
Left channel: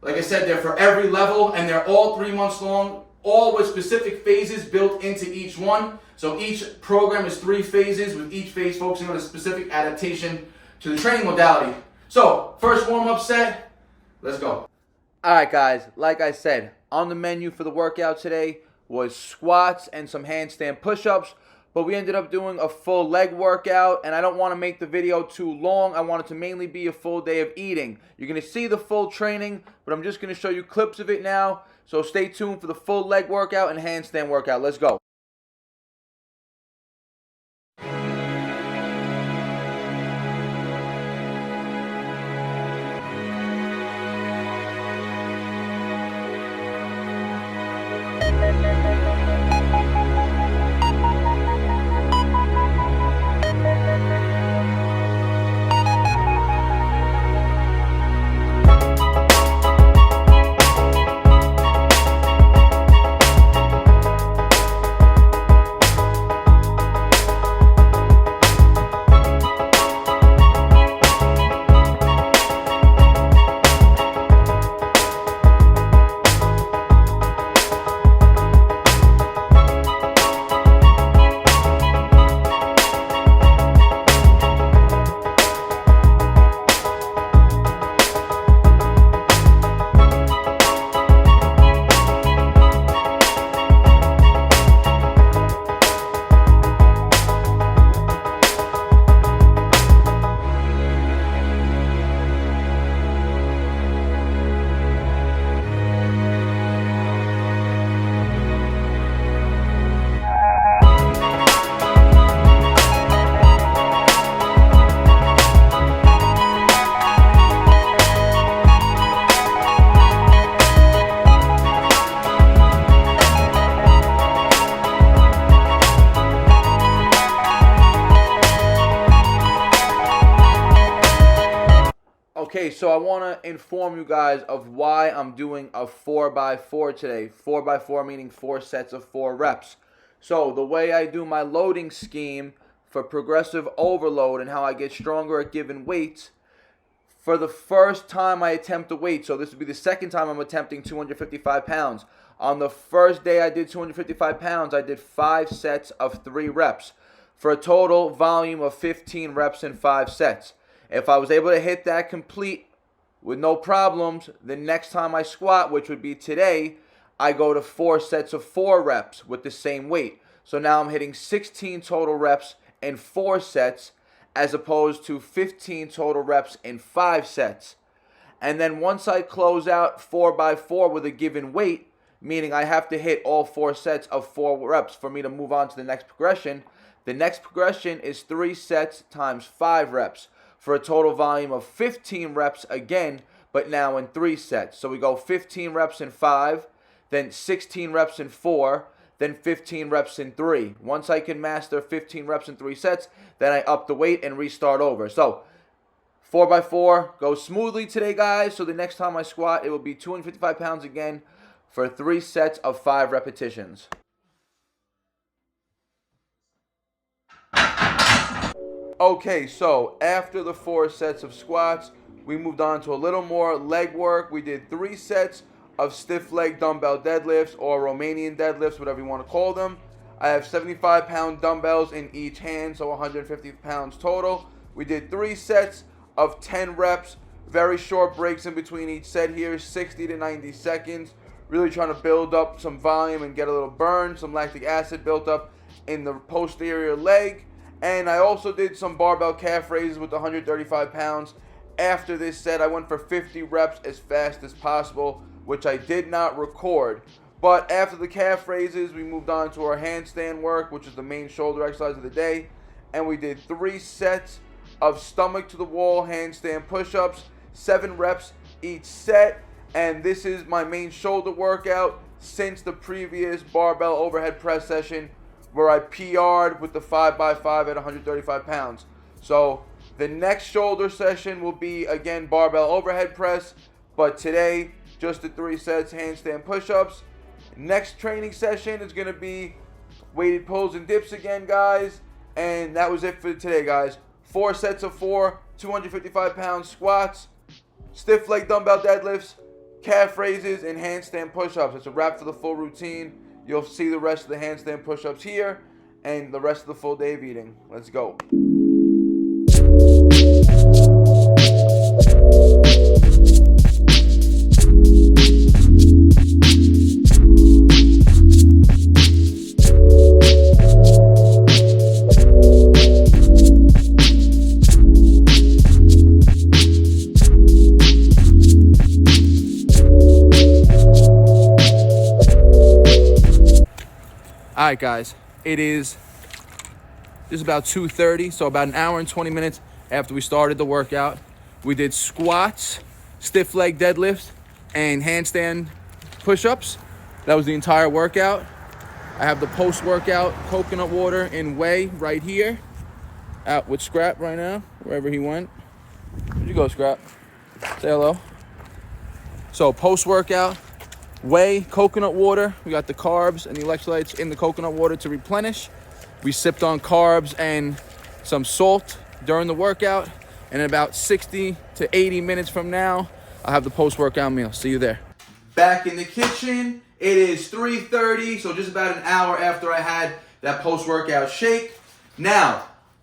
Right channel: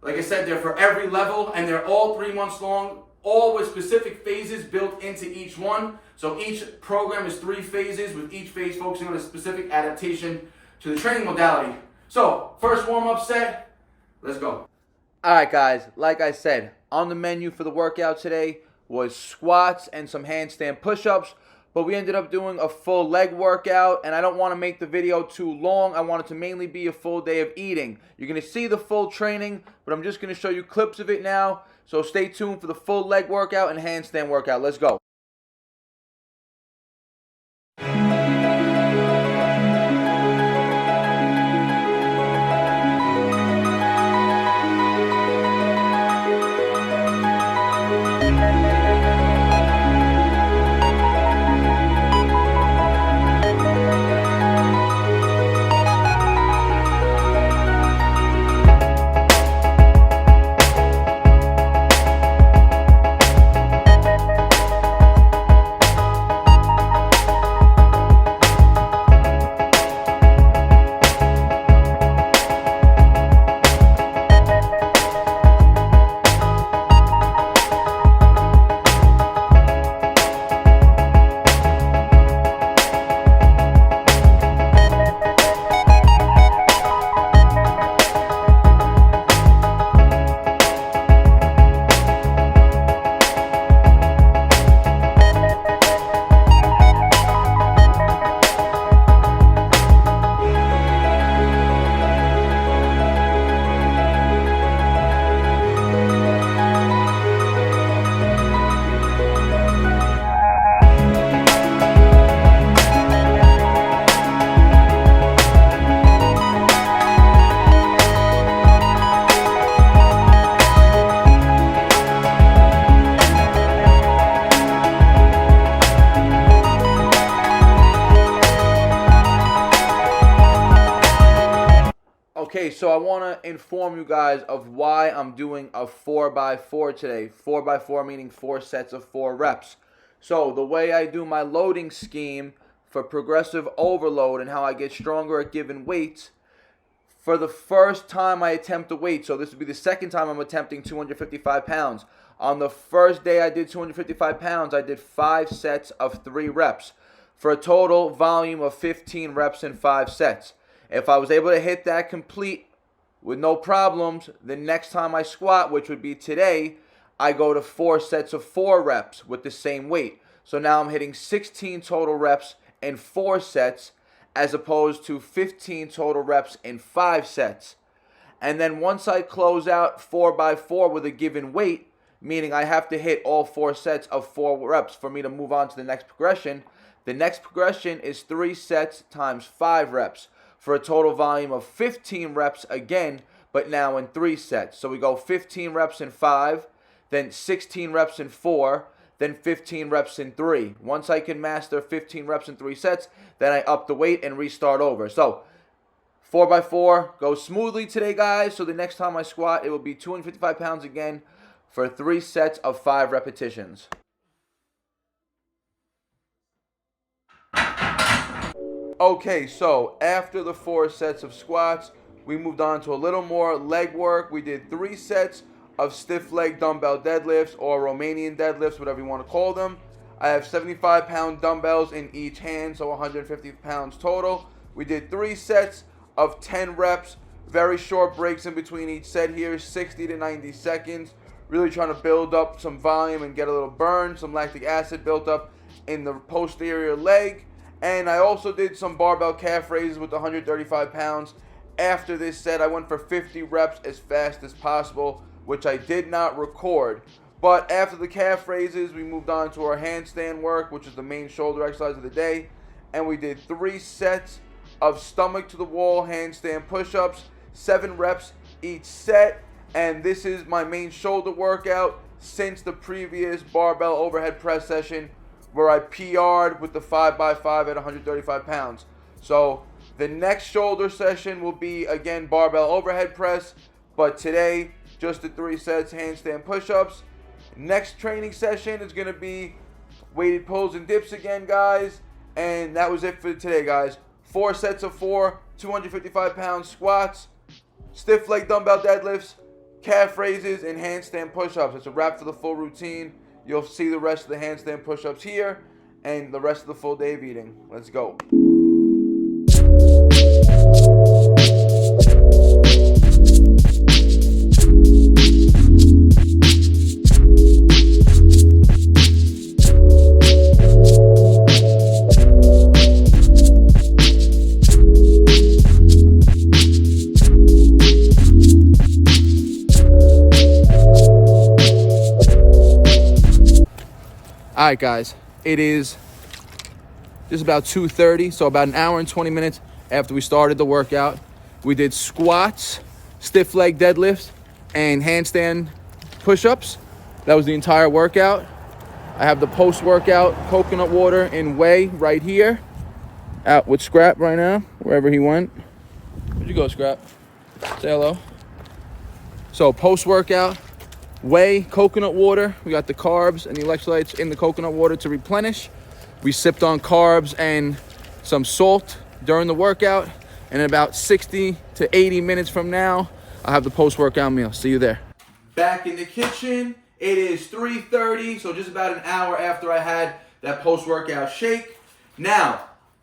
Like I said, they're for every level and they're all 3 months long, all with specific phases built into each one. So each program is 3 phases, with each phase focusing on a specific adaptation to the training modality. So first warm-up set, let's go. Alright guys, like I said, on the menu for the workout today was squats and some handstand push-ups, but we ended up doing a full leg workout, and I don't want to make the video too long. I want it to mainly be a full day of eating. You're going to see the full training, but I'm just going to show you clips of it now, so stay tuned for the full leg workout and handstand workout. Let's go. Okay, so I want to inform you guys of why I'm doing a 4x4 today. 4x4 meaning 4 sets of 4 reps. So the way I do my loading scheme for progressive overload and how I get stronger at given weights, for the first time I attempt a weight, so this would be the second time I'm attempting 255 pounds. On the first day I did 255 pounds, I did 5 sets of 3 reps for a total volume of 15 reps in 5 sets. If I was able to hit that complete with no problems, the next time I squat, which would be today, I go to 4 sets of 4 reps with the same weight. So now I'm hitting 16 total reps in 4 sets as opposed to 15 total reps in 5 sets. And then once I close out 4x4 with a given weight, meaning I have to hit all 4 sets of 4 reps for me to move on to the next progression, the next progression is 3 sets times 5 reps for a total volume of 15 reps again, but now in 3 sets. So we go 15 reps in 5, then 16 reps in 4, then 15 reps in 3. Once I can master 15 reps in 3 sets, then I up the weight and restart over. So 4x4 goes smoothly today, guys. So the next time I squat, it will be 255 pounds again for 3 sets of 5 repetitions. Okay, so after the 4 sets of squats, we moved on to a little more leg work. We did 3 sets of stiff leg dumbbell deadlifts or Romanian deadlifts, whatever you want to call them. I have 75-pound dumbbells in each hand, so 150 pounds total. We did 3 sets of 10 reps, very short breaks in between each set here, 60 to 90 seconds. Really trying to build up some volume and get a little burn, some lactic acid built up in the posterior leg. And I also did some barbell calf raises with 135 pounds. After this set, I went for 50 reps as fast as possible, which I did not record. But after the calf raises, we moved on to our handstand work, which is the main shoulder exercise of the day. And we did 3 sets of stomach to the wall handstand push-ups, 7 reps each set. And this is my main shoulder workout since the previous barbell overhead press session where I PR'd with the 5x5 at 135 pounds. So the next shoulder session will be, again, barbell overhead press. But today, just the 3 sets, handstand push-ups. Next training session is going to be weighted pulls and dips again, guys. And that was it for today, guys. 4 sets of 4, 255-pound squats, stiff leg dumbbell deadlifts, calf raises, and handstand push-ups. It's a wrap for the full routine. You'll see the rest of the handstand push-ups here and the rest of the full day of eating. Let's go. All right, guys, it is just about 2:30, so about an hour and 20 minutes after we started the workout. We did squats, stiff leg deadlifts, and handstand push-ups. That was the entire workout. I have the post-workout coconut water in WHEY right here. Out with Scrap right now, wherever he went. Where'd you go, Scrap? Say hello. So post-workout, WHEY coconut water. We got the carbs and the electrolytes in the coconut water to replenish. We sipped on carbs and some salt during the workout. And in about 60 to 80 minutes from now, I'll have the post-workout meal. See you there. Back in the kitchen. It is 3:30, so just about an hour after I had that post-workout shake. Now,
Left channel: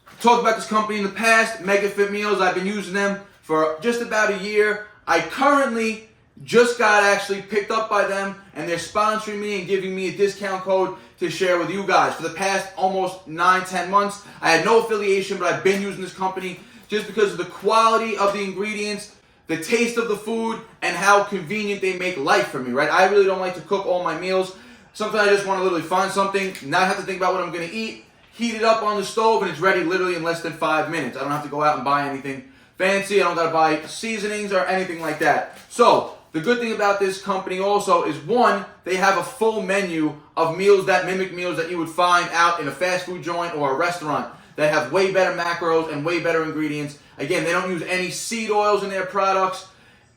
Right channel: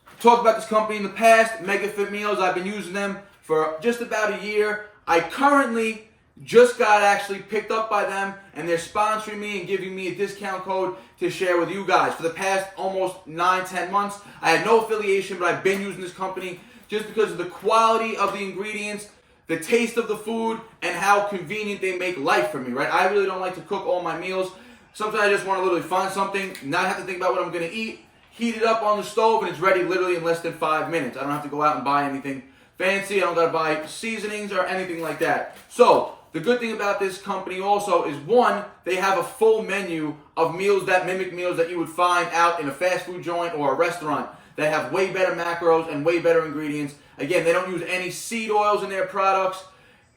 I talked about this company in the past, MegaFit Meals. I've been using them for just about a year. I currently just got actually picked up by them, and they're sponsoring me and giving me a discount code to share with you guys. For the past almost 9-10 months, I had no affiliation, but I've been using this company just because of the quality of the ingredients, the taste of the food, and how convenient they make life for me, right? I really don't like to cook all my meals. Sometimes I just want to literally find something, not have to think about what I'm going to eat, heat it up on the stove, and it's ready literally in less than 5 minutes. I don't have to go out and buy anything fancy. I don't got to buy seasonings or anything like that. So the good thing about this company also is, one, they have a full menu of meals that mimic meals that you would find out in a fast food joint or a restaurant. that have way better macros and way better ingredients. Again, they don't use any seed oils in their products.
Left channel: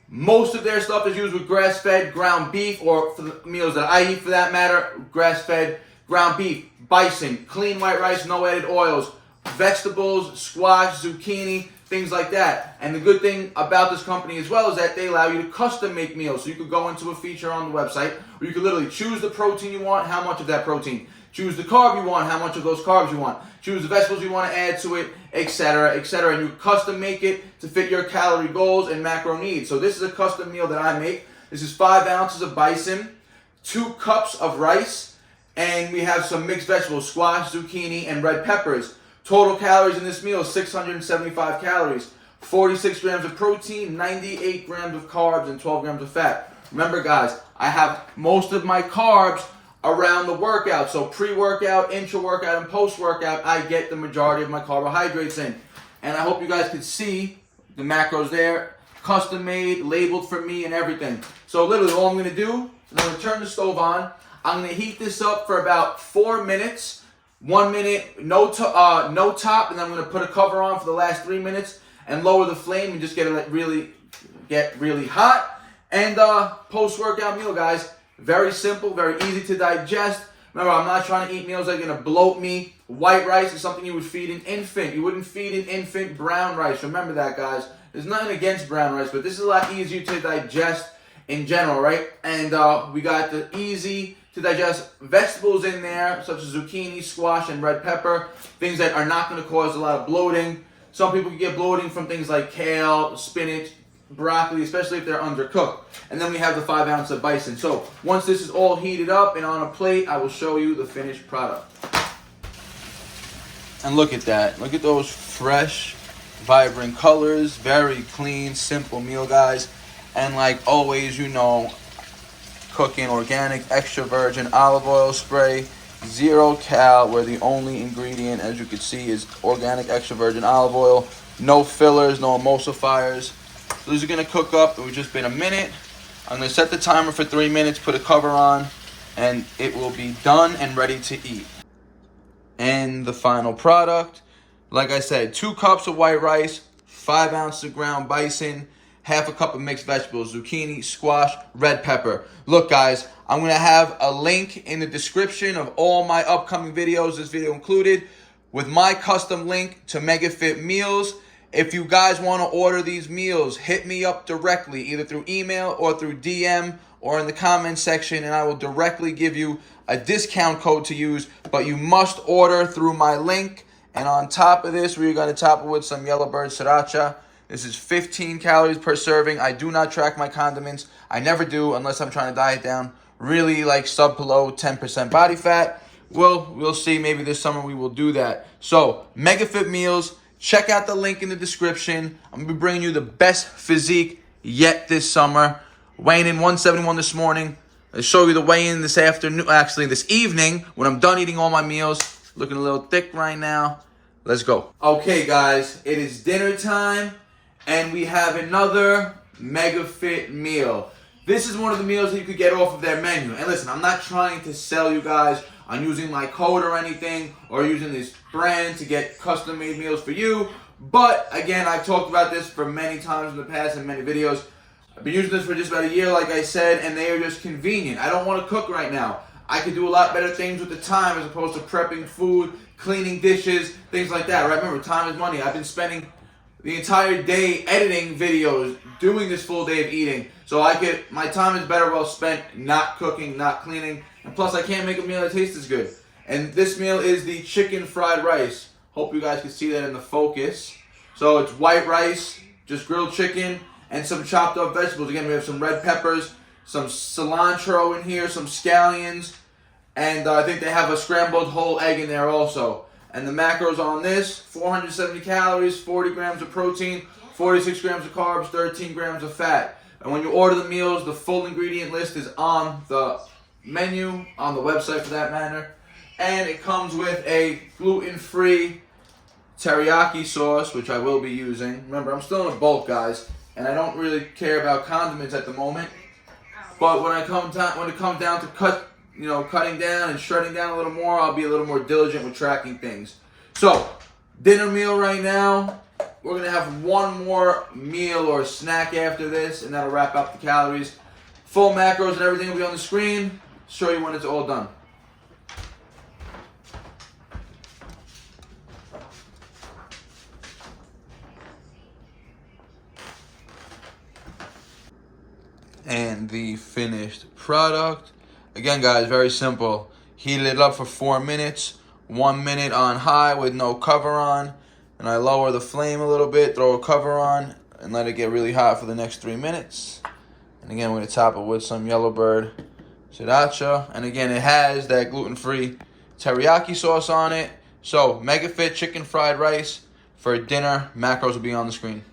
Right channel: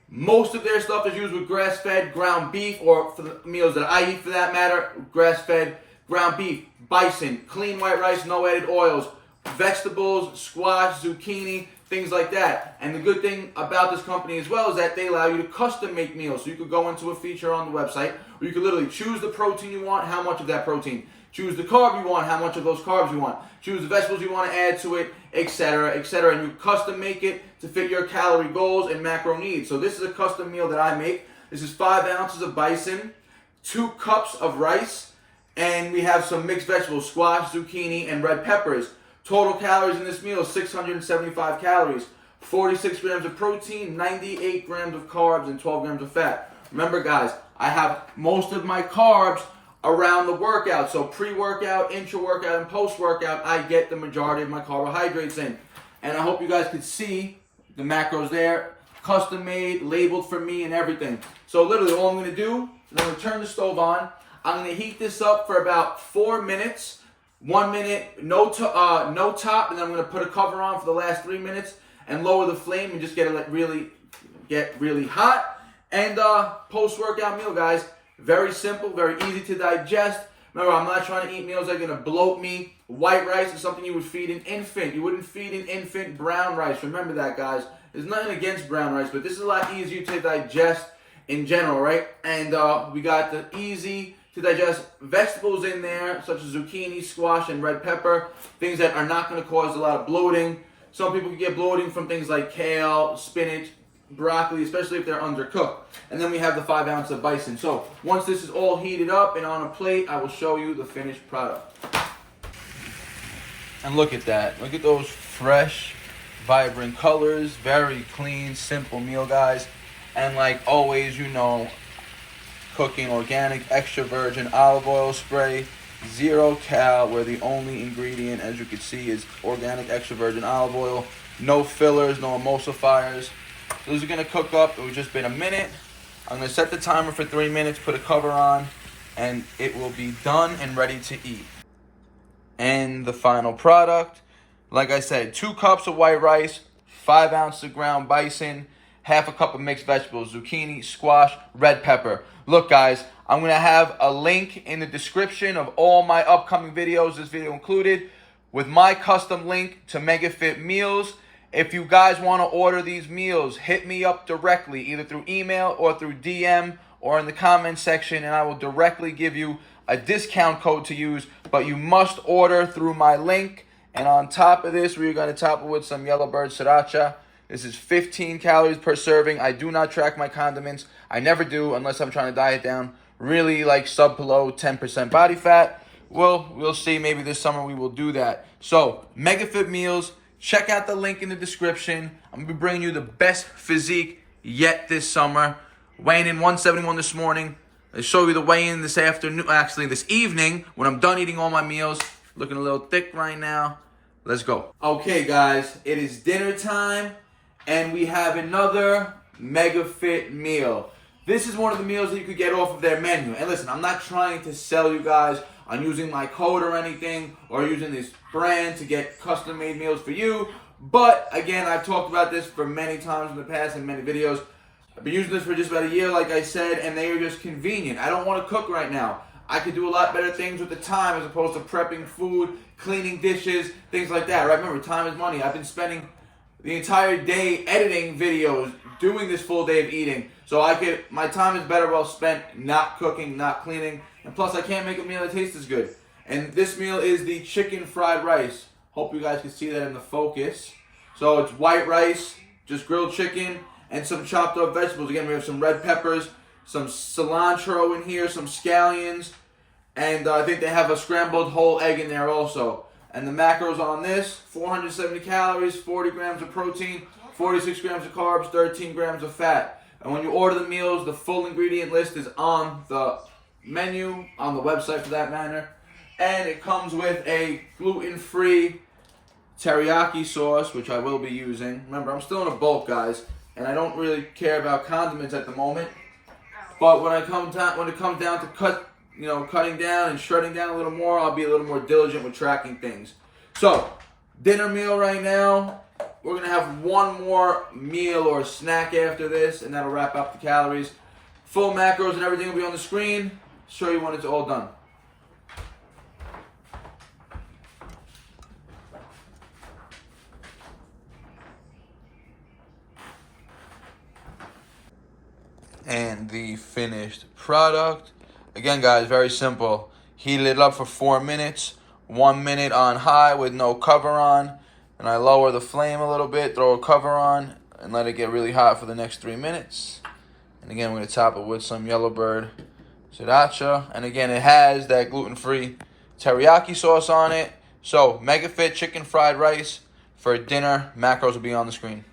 Most of their stuff is used with grass-fed ground beef, or for the meals that I eat for that matter, grass-fed ground beef, bison, clean white rice, no added oils, vegetables, squash, zucchini, things like that. And the good thing about this company as well is that they allow you to custom make meals. So you could go into a feature on the website where you could literally choose the protein you want, how much of that protein. Choose the carb you want, how much of those carbs you want. Choose the vegetables you want to add to it, etc., etc. And you custom make it to fit your calorie goals and macro needs. So this is a custom meal that I make. This is 5 ounces of bison, 2 cups of rice, and we have some mixed vegetables, squash, zucchini, and red peppers. Total calories in this meal is 675 calories, 46 grams of protein, 98 grams of carbs, and 12 grams of fat. Remember, guys, I have most of my carbs around the workout. So pre-workout, intra-workout, and post-workout, I get the majority of my carbohydrates in. And I hope you guys could see the macros there, custom made, labeled for me and everything. So literally all I'm going to do is I'm going to turn the stove on. I'm going to heat this up for about 4 minutes. 1 minute, no top, and then I'm going to put a cover on for the last 3 minutes and lower the flame and just get it really hot. And post-workout meal, guys. Very simple, very easy to digest. Remember, I'm not trying to eat meals that are going to bloat me. White rice is something you would feed an infant. You wouldn't feed an infant brown rice. Remember that, guys. There's nothing against brown rice, but this is a lot easier to digest in general, right? And we got the easy to digest vegetables in there, such as zucchini, squash, and red pepper. Things that are not going to cause a lot of bloating. Some people can get bloating from things like kale, spinach, broccoli, especially if they're undercooked. And then we have the 5 ounces of bison. So once this is all heated up and on a plate, I will show you the finished product. And look at that. Look at those fresh, vibrant colors. Very clean, simple meal, guys. And like always, you know, cooking organic extra virgin olive oil spray, 0 cal, where the only ingredient, as you can see, is organic extra virgin olive oil. No fillers, no emulsifiers. So this is going to cook up. It's just been a minute. I'm going to set the timer for 3 minutes, put a cover on, and it will be done and ready to eat. And the final product, like I said, 2 cups of white rice, 5 ounces of ground bison, half a cup of mixed vegetables, zucchini, squash, red pepper. Look, guys, I'm going to have a link in the description of all my upcoming videos, this video included, with my custom link to MegaFit Meals. If you guys want to order these meals, hit me up directly, either through email or through DM or in the comment section, and I will directly give you a discount code to use. But you must order through my link. And on top of this, we're going to top it with some Yellowbird Sriracha. This is 15 calories per serving. I do not track my condiments. I never do unless I'm trying to diet down. Really like sub below 10% body fat. We'll see. Maybe this summer we will do that. So, MegaFit Meals. Check out the link in the description. I'm going to be bringing you the best physique yet this summer. Weighing in 171 this morning. I'll show you the weigh-in this afternoon, actually this evening, when I'm done eating all my meals. Looking a little thick right now. Let's go. Okay, guys, it is dinner time, and we have another MegaFit meal. This is one of the meals that you could get off of their menu. And listen, I'm not trying to sell you guys on using my code or anything, or using this brand to get custom-made meals for you. But, again, I've talked about this for many times in the past in many videos. I've been using this for just about a year, like I said, and they are just convenient. I don't want to cook right now. I could do a lot better things with the time as opposed to prepping food, cleaning dishes, things like that, right? Remember, time is money. I've been spending the entire day editing videos, doing this full day of eating. So my time is better well spent not cooking, not cleaning, and plus I can't make a meal that tastes as good. And this meal is the chicken fried rice. Hope you guys can see that in the focus. So it's white rice, just grilled chicken, and some chopped up vegetables. Again, we have some red peppers, some cilantro in here, some scallions, and I think they have a scrambled whole egg in there also. And the macros on this, 470 calories, 40 grams of protein, 46 grams of carbs, 13 grams of fat. And when you order the meals, the full ingredient list is on the menu, on the website for that matter. And it comes with a gluten-free teriyaki sauce, which I will be using. Remember, I'm still in a bulk, guys, and I don't really care about condiments at the moment. But when it comes down to cutting down and shredding down a little more, I'll be a little more diligent with tracking things. So, dinner meal right now. We're going to have one more meal or snack after this, and that'll wrap up the calories. Full macros and everything will be on the screen. Show you when it's all done. And the finished product. Again, guys, very simple. Heat it up for 4 minutes. 1 minute on high with no cover on. And I lower the flame a little bit, throw a cover on, and let it get really hot for the next 3 minutes. And again, we're going to top it with some Yellowbird sriracha. And again, it has that gluten-free teriyaki sauce on it. So, Mega Fit chicken fried rice for dinner. Macros will be on the screen.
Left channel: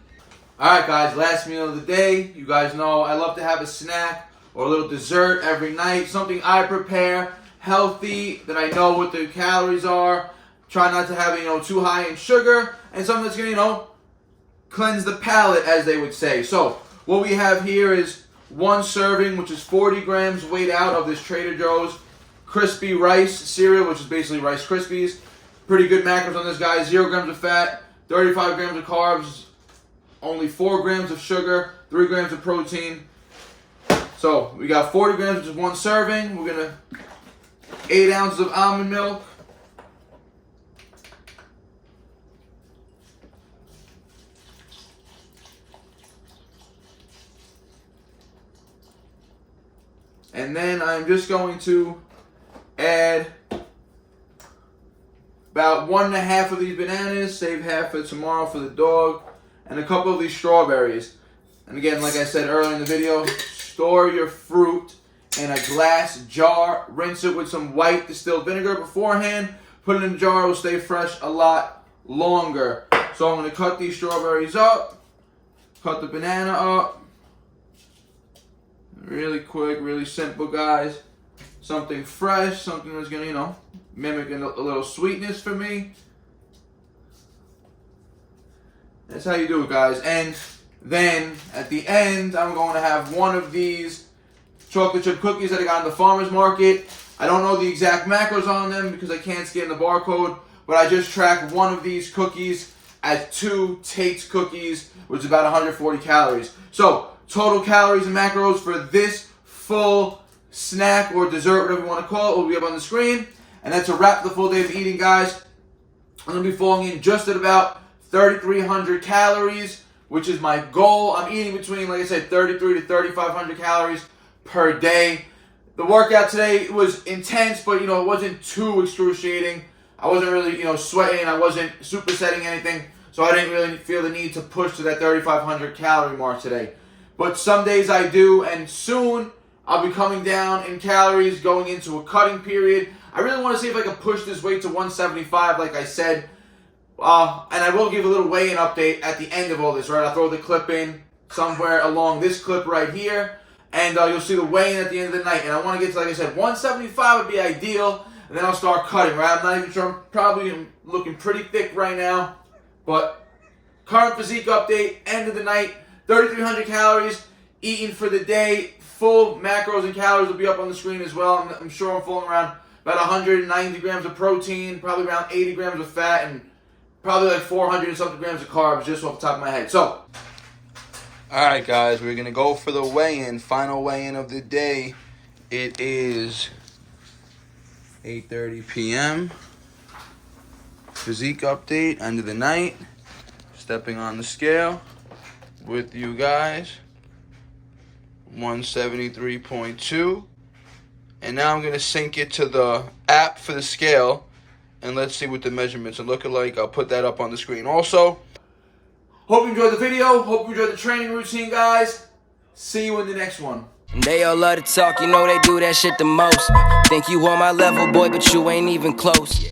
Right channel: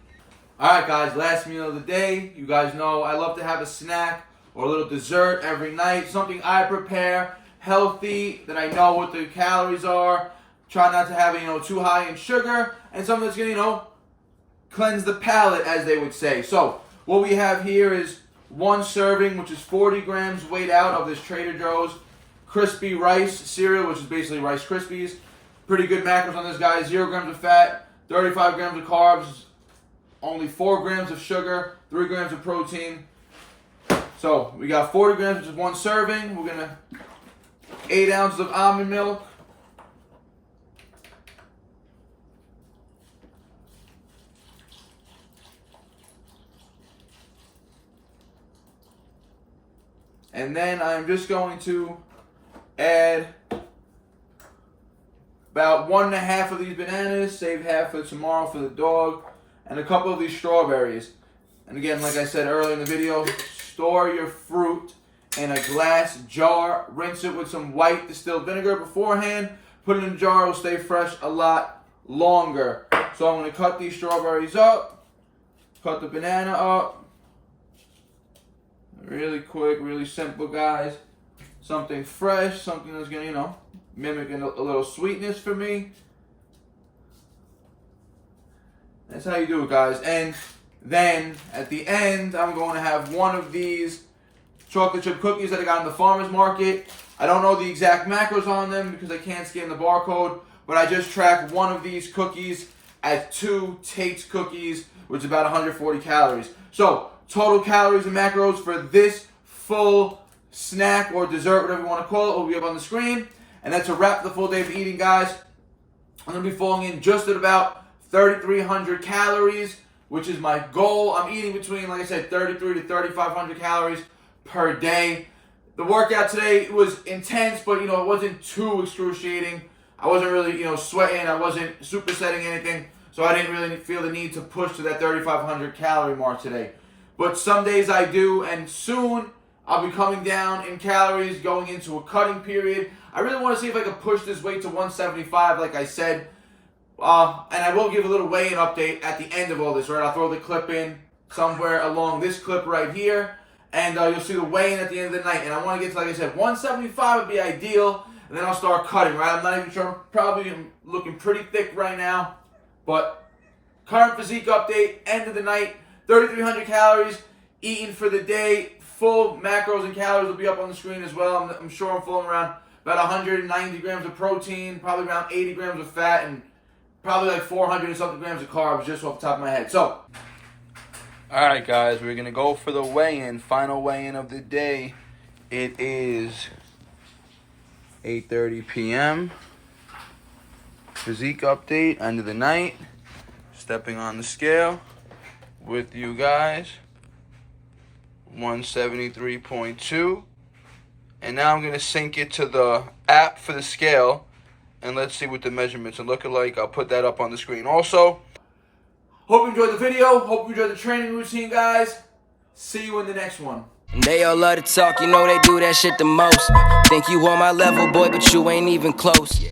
Alright guys, last meal of the day. You guys know I love to have a snack or a little dessert every night. Something I prepare, healthy, that I know what the calories are. Try not to have it, too high in sugar. And something that's going to, cleanse the palate, as they would say. So, what we have here is 1 serving, which is 40 grams weighed out of this Trader Joe's crispy rice cereal, which is basically Rice Krispies. Pretty good macros on this, guy. 0 grams of fat, 35 grams of carbs, only 4 grams of sugar, 3 grams of protein. So we got 40 grams, which is 1 serving. We're gonna 8 ounces of almond milk. And then I'm just going to add about 1.5 of these bananas, save half for tomorrow for the dog, and a couple of these strawberries. And again, like I said earlier in the video, store your fruit in a glass jar. Rinse it with some white distilled vinegar beforehand. Put it in a jar, it will stay fresh a lot longer. So I'm going to cut these strawberries up, cut the banana up. Really quick, really simple, guys. Something fresh, something that's going to, mimic a little sweetness for me. That's how you do it, guys. And then at the end, I'm going to have one of these chocolate chip cookies that I got in the farmer's market. I don't know the exact macros on them because I can't scan the barcode, but I just tracked one of these cookies as 2 Tate's cookies, which is about 140 calories. So, total calories and macros for this full snack or dessert, whatever you want to call it, will be up on the screen. And that's a wrap the full day of eating, guys. I'm going to be falling in just at about 3,300 calories, which is my goal. I'm eating between, like I said, 3,300 to 3,500 calories per day. The workout today was intense, but, it wasn't too excruciating. I wasn't really, sweating. I wasn't supersetting anything, so I didn't really feel the need to push to that 3,500 calorie mark today. But some days I do, and soon I'll be coming down in calories, going into a cutting period. I really want to see if I can push this weight to 175, like I said. And I will give a little weigh-in update at the end of all this, right? I'll throw the clip in somewhere along this clip right here. And you'll see the weigh-in at the end of the night. And I want to get to, like I said, 175 would be ideal. And then I'll start cutting, right? I'm not even sure. I'm probably looking pretty thick right now. But current physique update, end of the night, 3,300 calories, eaten for the day. Full macros and calories will be up on the screen as well. I'm sure I'm falling around about 190 grams of protein, probably around 80 grams of fat, and probably like 400 and something grams of carbs just off the top of my head. So, alright guys, we're going to go for the weigh-in, final weigh-in of the day. It is 8:30 p.m. Physique update, end of the night. Stepping on the scale with you guys. 173.2. And now I'm going to sync it to the app for the scale. And let's see what the measurements are looking like. I'll put that up on the screen also. Hope you enjoyed the video. Hope you enjoyed the training routine, guys. See you in the next one. They all love to talk, they do that shit the most. Think you on my level, boy, but you ain't even close.